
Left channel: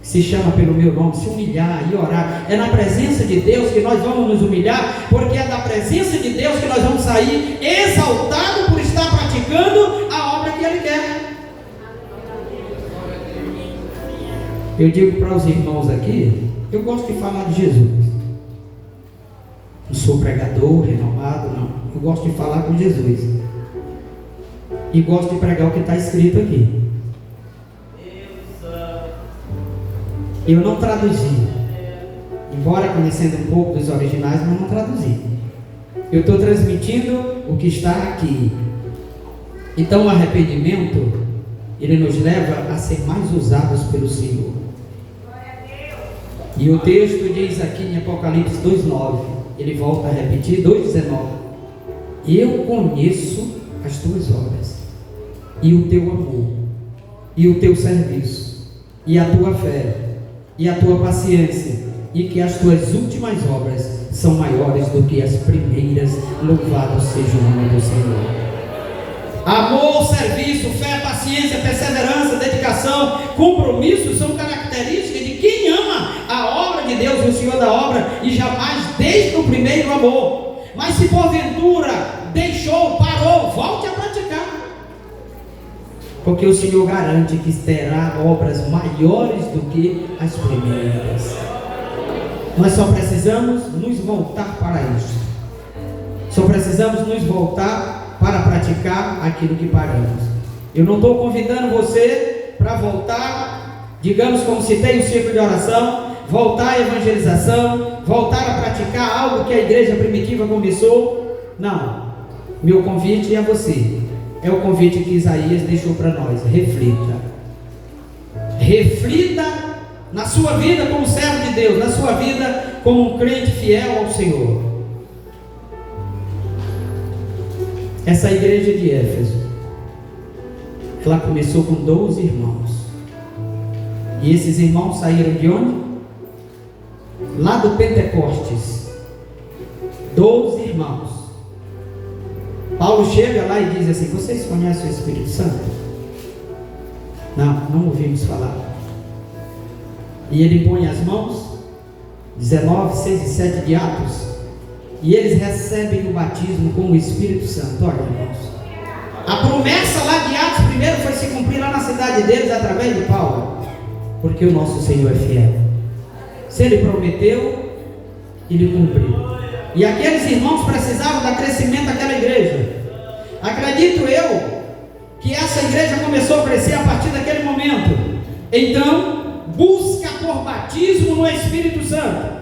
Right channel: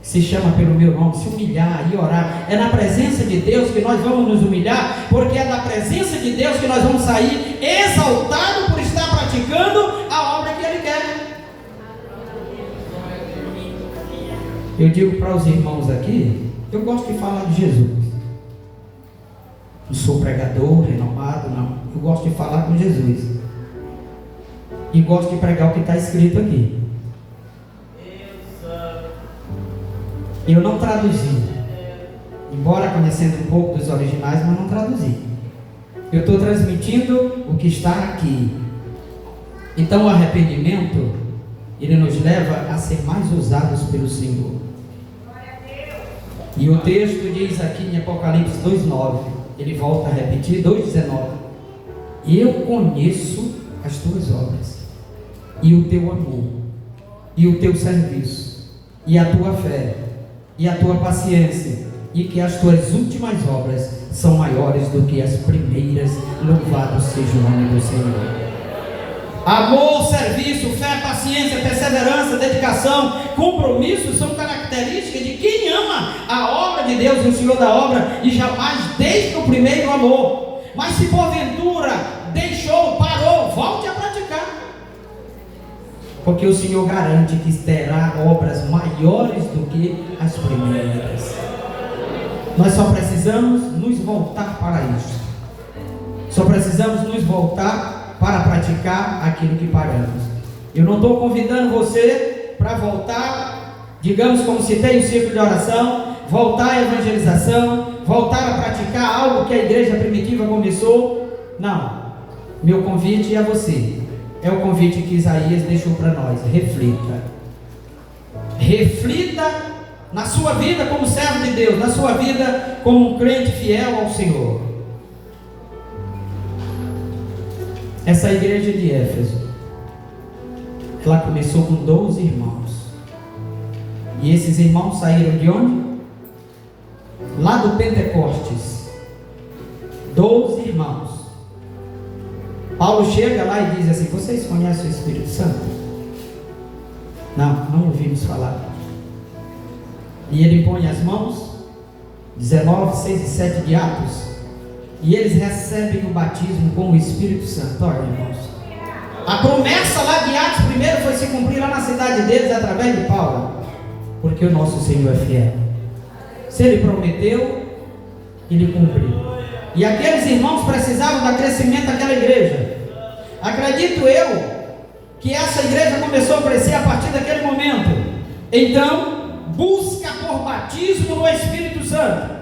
que se chama pelo meu nome, se humilhar e orar. É na presença de Deus que nós vamos nos humilhar, porque é da presença de Deus que nós vamos sair exaltados por estar praticando a obra que Ele quer. Eu digo para os irmãos aqui, eu gosto de falar de Jesus. Não sou pregador renomado, não. Eu gosto de falar com Jesus. E gosto de pregar o que está escrito aqui. Eu não traduzi, embora conhecendo um pouco dos originais, mas não traduzi. Eu estou transmitindo o que está aqui. Então o arrependimento, ele nos leva a ser mais usados pelo Senhor. E o texto diz aqui em Apocalipse 2,9, ele volta a repetir, 2,19: eu conheço as tuas obras, e o teu amor, e o teu serviço, e a tua fé, e a tua paciência, e que as tuas últimas obras são maiores do que as primeiras. Louvado seja o nome do Senhor. Amor, serviço, fé, paciência, perseverança, dedicação, compromisso são características de quem ama a obra de Deus, o Senhor da obra, e jamais deixa o primeiro amor. Mas se porventura deixou, parou, volte a praticar, porque o Senhor garante que terá obras maiores do que as primeiras. Nós só precisamos nos voltar para isso. Só precisamos nos voltar para praticar aquilo que paramos. Eu não estou convidando você para voltar, digamos como citei o ciclo de oração, voltar à evangelização, voltar a praticar algo que a igreja primitiva começou. Não. Meu convite é a você. É o convite que Isaías deixou para nós. Reflita. Reflita na sua vida como servo de Deus, na sua vida como um crente fiel ao Senhor. Essa igreja de Éfeso, ela começou com 12 irmãos. E esses irmãos saíram de onde? Lá do Pentecostes. 12 irmãos. Paulo chega lá e diz assim: vocês conhecem o Espírito Santo? Não ouvimos falar. E ele põe as mãos, 19, 6 e 7 de Atos, e eles recebem o batismo com o Espírito Santo. Olha, irmãos, a promessa lá de Atos primeiro foi se cumprir lá na cidade deles através de Paulo, porque o nosso Senhor é fiel. Se Ele prometeu, Ele cumpriu. E aqueles irmãos precisavam dar crescimento àquela igreja. Acredito eu que essa igreja começou a crescer a partir daquele momento. Então, busca por batismo no Espírito Santo.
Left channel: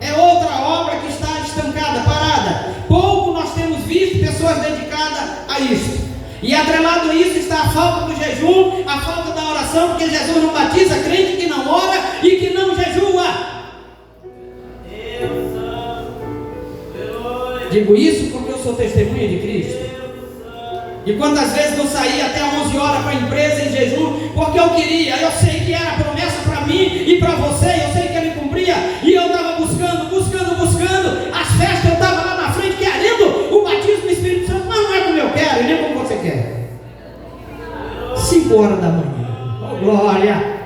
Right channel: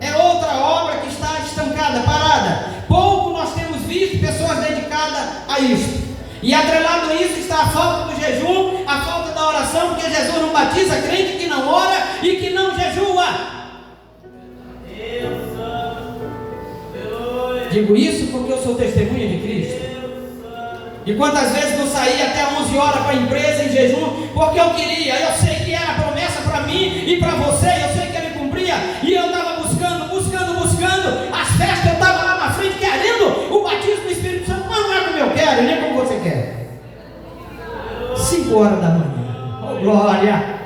É outra obra que está estancada, parada. Pouco nós temos visto pessoas dedicadas a isso. E atrelado a isso está a falta do jejum, a falta da oração, porque Jesus não batiza crente que não ora e que não jejua. Digo isso porque eu sou testemunha de Cristo. E quantas vezes não saí até 11 horas para a empresa em jejum, porque eu queria, eu sei que era promessa para mim e para você, eu sei que Ele cumpria, e eu estava buscando, as festas, eu estava lá na frente querendo o batismo do Espírito Santo, mas não é como eu quero, nem como você quer. 5 horas da manhã, oh glória,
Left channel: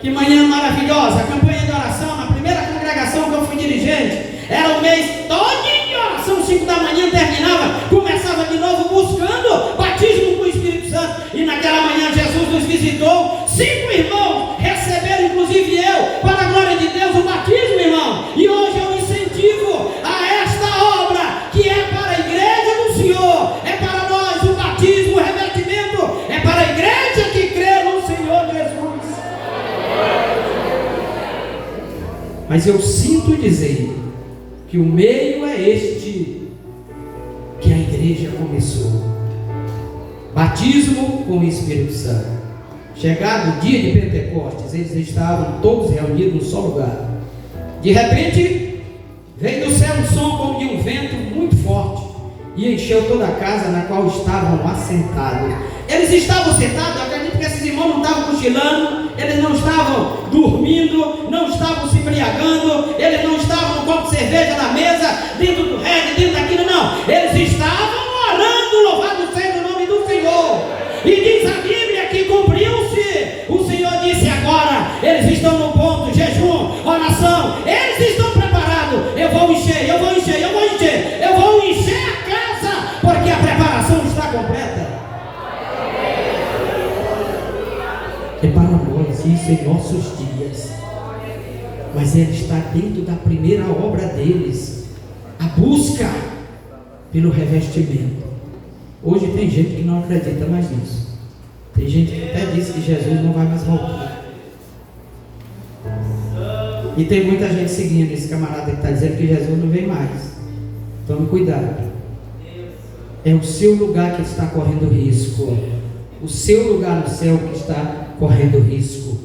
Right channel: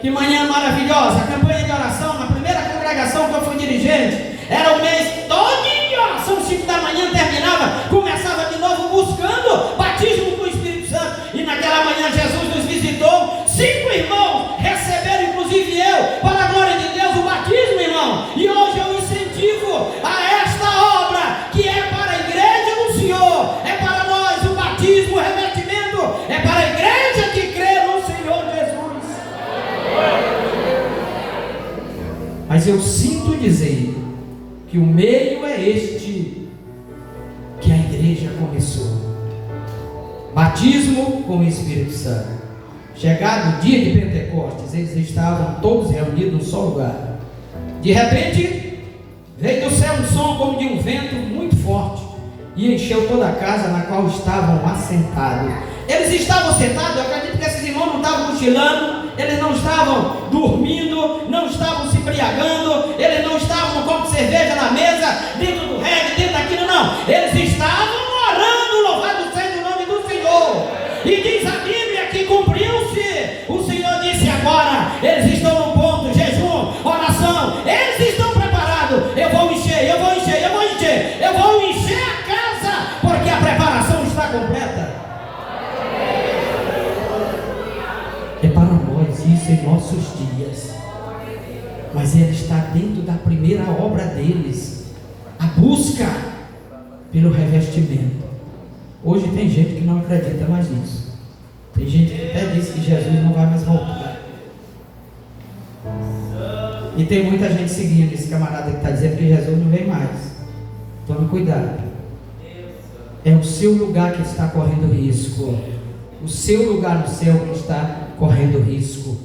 que manhã maravilhosa, a campanha de oração, na primeira congregação que eu fui dirigente, era o mês todo de oração, 5 da manhã terminava, começava de novo buscando batismo com o Espírito Santo, e naquela manhã Jesus nos visitou, 5 irmãos receberam, inclusive eu, para a glória de Deus, o batismo, irmão, e hoje eu incentivo a esta obra, que é para a igreja do Senhor, é para nós o batismo, o revestimento, é para a igreja que crê no Senhor Jesus. Mas eu sinto dizer que o meio é este que a igreja começou: batismo com o Espírito Santo. chegado o dia de Pentecostes, eles estavam todos reunidos num só lugar. De repente, veio do céu um som como de um vento muito forte e encheu toda a casa na qual estavam assentados. Eles estavam sentados, eu acredito que esses irmãos não estavam cochilando, eles não estavam dormindo, não estavam se embriagando, eles não estavam com cerveja na mesa, dentro do reggae, dentro daquilo, não. Eles estavam orando, louvado seja o nome do Senhor. E diz a Bíblia que cumpriu-se. O Senhor disse agora, eles estão no ponto, jejum, oração, eles estão preparados. Eu vou encher, eu vou encher, eu vou encher, eu vou encher a casa, porque a preparação está completa. É para nós isso em nossos dias, mas ele está dentro da primeira obra deles, a busca pelo revestimento. Hoje tem gente que não acredita mais nisso, tem gente que até diz que Jesus não vai mais voltar, e tem muita gente seguindo esse camarada que está dizendo que Jesus não vem mais. Tome cuidado, é o seu lugar que está correndo risco, o seu lugar no céu que está correndo risco.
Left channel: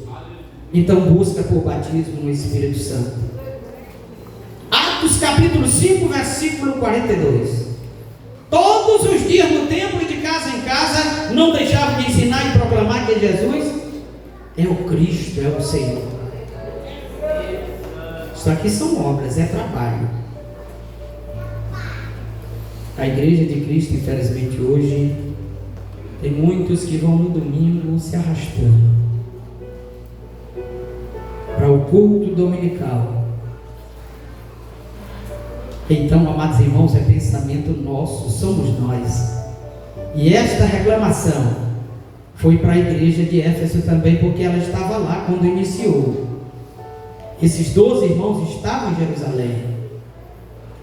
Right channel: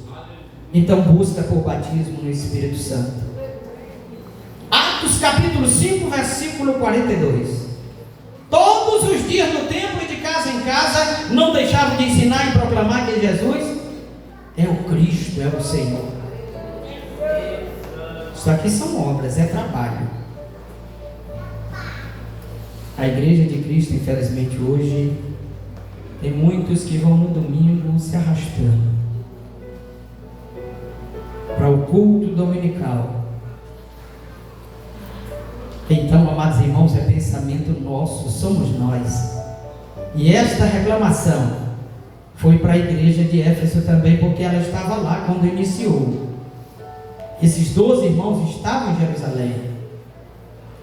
Então busca por batismo no Espírito Santo. Atos capítulo 5, versículo 42. Todos os dias no templo e de casa em casa não deixavam de ensinar e proclamar que Jesus é o Cristo, é o Senhor. Isso aqui são obras, é trabalho. A igreja de Cristo, infelizmente hoje, tem muitos que vão no domingo se arrastando para o culto dominical. Então, amados irmãos, é pensamento nosso, somos nós. E esta reclamação foi para a igreja de Éfeso também, porque ela estava lá quando iniciou. Esses 12 irmãos estavam em Jerusalém.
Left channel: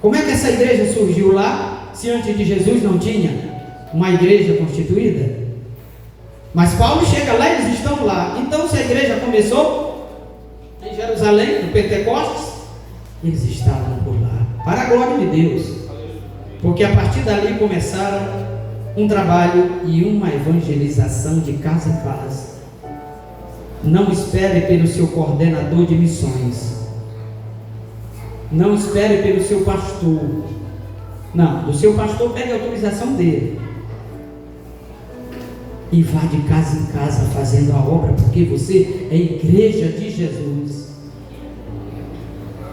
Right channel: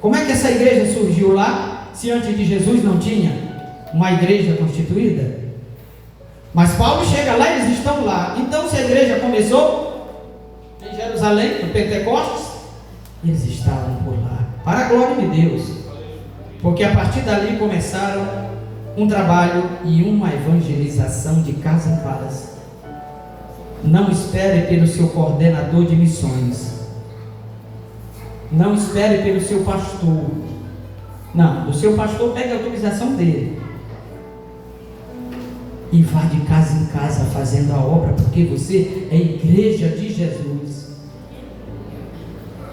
Como é que essa igreja surgiu lá, se antes de Jesus não tinha uma igreja constituída? Mas Paulo chega lá e eles estão lá. Então, se a igreja começou em Jerusalém, no Pentecostes, eles estavam por lá, para a glória de Deus, porque a partir dali começaram um trabalho e uma evangelização de casa em casa. Não espere pelo seu coordenador de missões, não espere pelo seu pastor. Não, do seu pastor pegue a autorização dele e vá de casa em casa fazendo a obra, porque você é igreja de Jesus.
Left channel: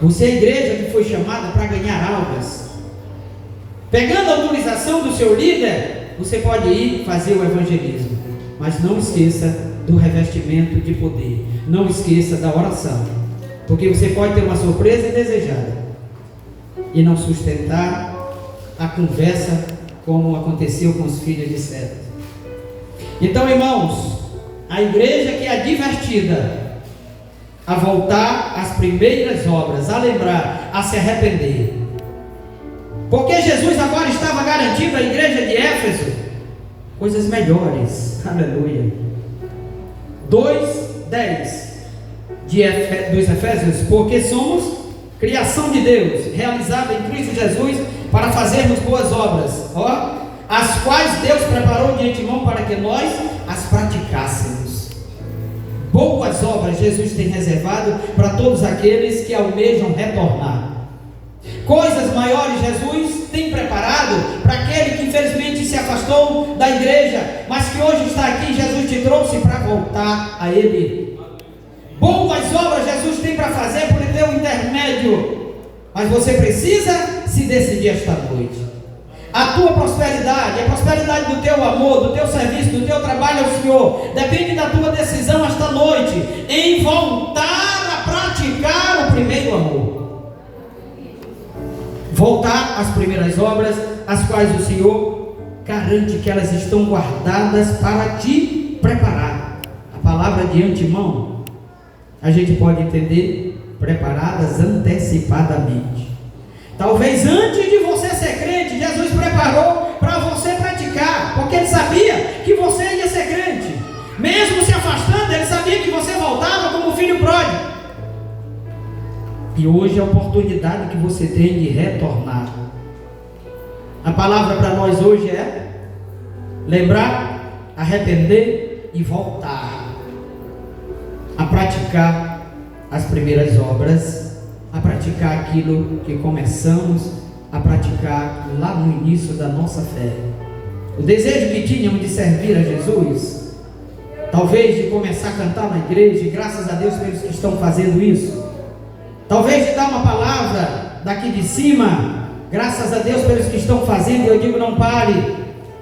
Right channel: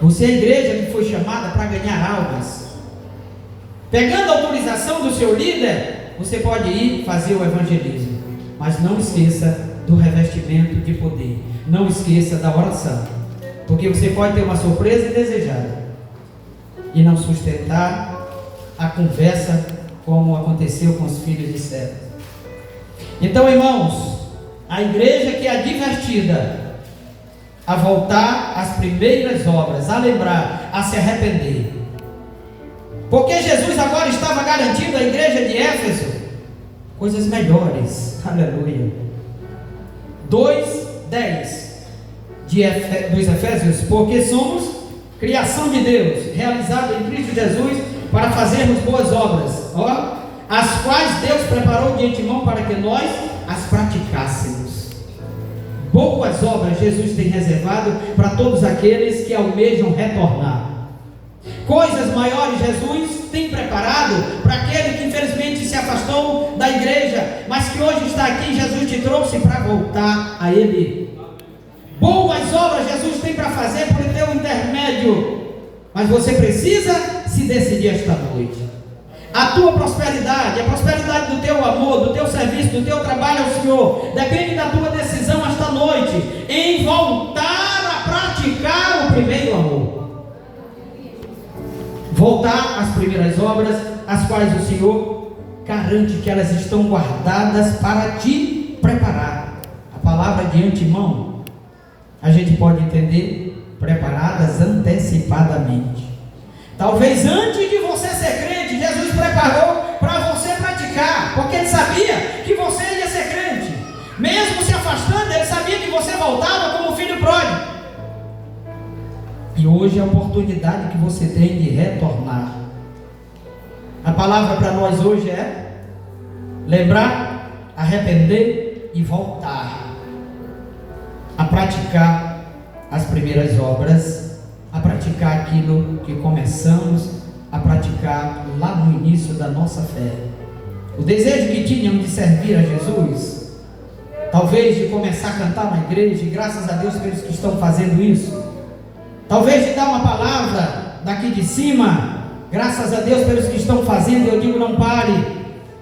Você é a igreja que foi chamada para ganhar almas. Pegando a autorização do seu líder, você pode ir fazer o evangelismo, mas não esqueça do revestimento de poder, não esqueça da oração, porque você pode ter uma surpresa indesejada e não sustentar a conversa como aconteceu com os filhos de Seba. Então, irmãos, a igreja que é advertida a voltar às primeiras obras, a lembrar, a se arrepender, porque Jesus agora estava garantindo à igreja de Éfeso coisas melhores. Aleluia. 2:10 dos Efésios, porque somos criação de Deus, realizada em Cristo Jesus, para fazermos boas obras, as quais Deus preparou de antemão para que nós as praticássemos. Boas obras Jesus tem reservado para todos aqueles que almejam retornar. Coisas maiores Jesus tem preparado para aquele que infelizmente se afastou da igreja, mas que hoje está aqui. Jesus te trouxe para voltar a Ele. Boas obras Jesus tem para fazer por teu intermédio, mas você precisa se decidir esta noite. A tua prosperidade, a prosperidade do teu amor, do teu serviço, do teu trabalho ao Senhor, depende da tua decisão esta noite em voltar a praticar o primeiro amor. Voltar às primeiras obras, as quais o Senhor garante que elas estão guardadas para te preparar. A palavra de antemão, a gente pode entender preparadas antecipadamente. Talvez antes de você ser crente, Jesus preparou para você praticar, porque Ele sabia que você ia ser crente. Mesmo se afastando, Ele sabia que você voltava como filho pródigo. E hoje é a oportunidade que você tem de retornar. A palavra para nós hoje é lembrar, arrepender e voltar. a praticar as primeiras obras, a praticar aquilo que começamos a praticar lá no início da nossa fé. O desejo que tínhamos de servir a Jesus, talvez de começar a cantar na igreja, e graças a Deus pelos que estão fazendo isso, talvez de dar uma palavra daqui de cima, graças a Deus pelos que estão fazendo. Eu digo, não pare,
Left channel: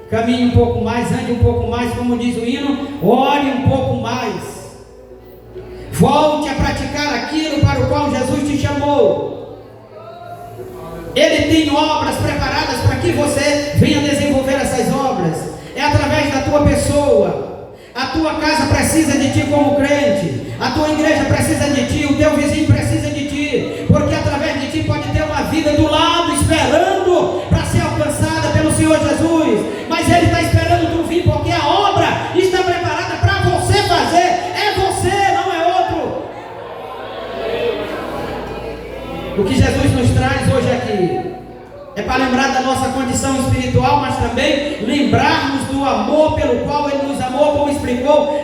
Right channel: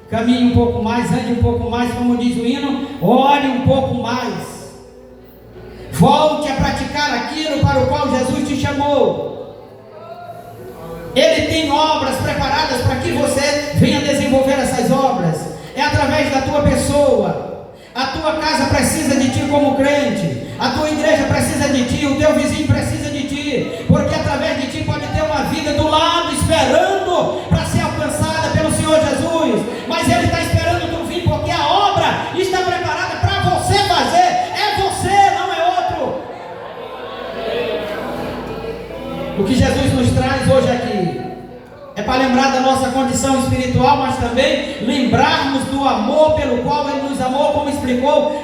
caminhe um pouco mais, ande um pouco mais, como diz o hino, ore um pouco mais, volte a praticar aquilo para o qual Jesus te chamou. Ele tem obras preparadas para que você venha desenvolver essas obras. É através da tua pessoa. A tua casa precisa de ti como crente, a tua igreja precisa de ti, o teu vizinho precisa de ti, porque através de ti pode ter uma vida do lado esperando para ser alcançada pelo Senhor Jesus. Mas Ele está esperando tu vir, porque a obra está preparada para você fazer. É você, não é outro. O que Jesus nos traz hoje aqui é para lembrar da nossa condição espiritual, mas também lembrarmos do amor pelo qual Ele nos amou, como explicou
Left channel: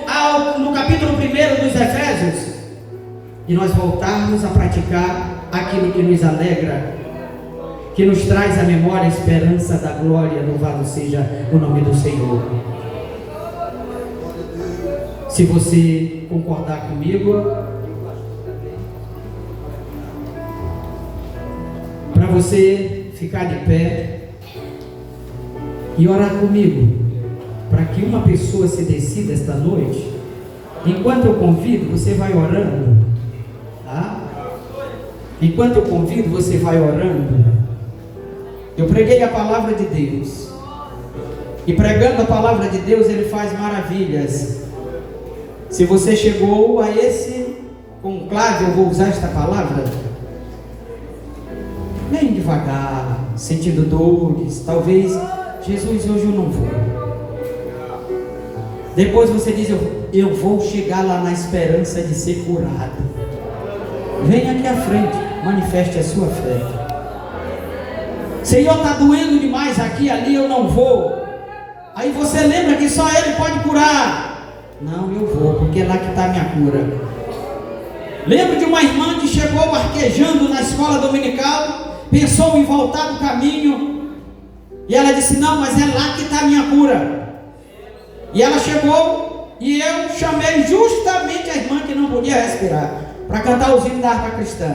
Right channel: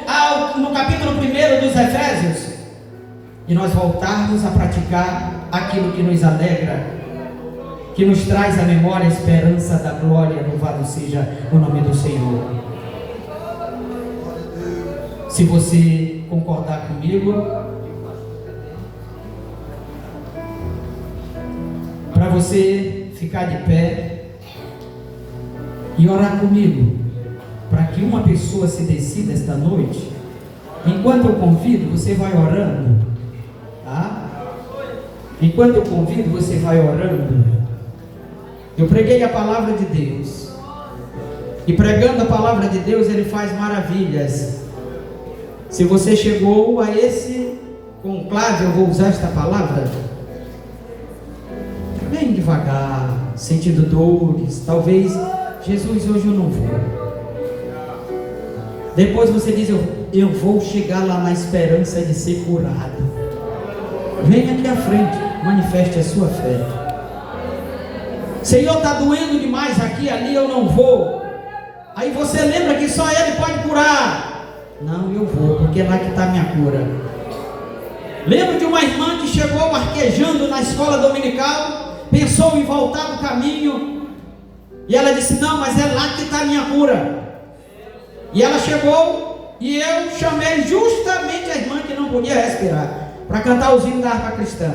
no capítulo 1 dos Efésios, e nós voltarmos a praticar aquilo que nos alegra, que nos traz à memória a esperança da glória. Louvado seja o nome do Senhor. Se você concordar comigo, para você ficar de pé e orar comigo, para que uma pessoa se decida esta noite. Enquanto eu convido, você vai orando, tá? Enquanto eu convido, você vai orando. Eu preguei a palavra de Deus, e pregando a palavra de Deus, Ele faz maravilhas. Se você chegou a esse conclave, eu vou usar esta palavra, bem devagar, sentindo dores, talvez, Jesus, hoje eu não vou. Depois você diz, eu vou chegar lá na esperança de ser curado. Venha aqui à frente, manifeste a sua fé. Senhor, está doendo demais aqui, ali eu não vou. Aí você lembra que só Ele pode curar. Não, eu vou, porque é lá que está a minha cura. Lembro de uma irmã que chegou arquejando na escola dominical, pensou em voltar do caminho, e ela disse, não, mas é lá que está a minha cura. E ela chegou, e eu chamei justamente a irmã que não podia respirar, para cantar os hinos da harpa cristã.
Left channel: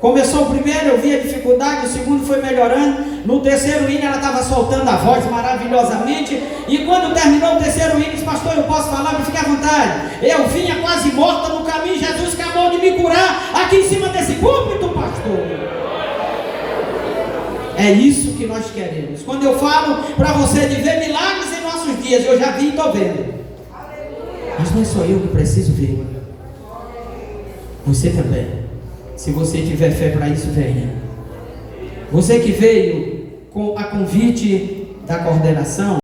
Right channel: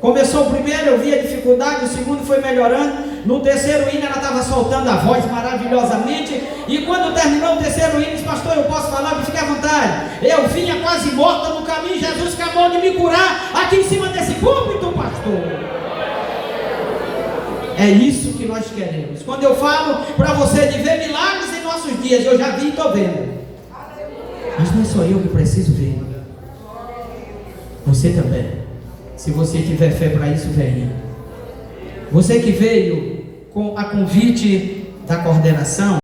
Começou o primeiro, eu vi a dificuldade, o segundo foi melhorando, no terceiro hino ela estava soltando a voz maravilhosamente, e quando terminou o terceiro hino, disse, pastor, eu posso falar? Fique à vontade. Eu vinha quase morta no caminho, Jesus acabou de me curar, aqui em cima desse púlpito, pastor. É isso que nós queremos. Quando eu falo para você de ver milagres em nossos dias, eu já vi e estou vendo. Mas não sou eu que preciso ver. Você também. Se você tiver fé para isso, venha. Você que veio com a convite da coordenação,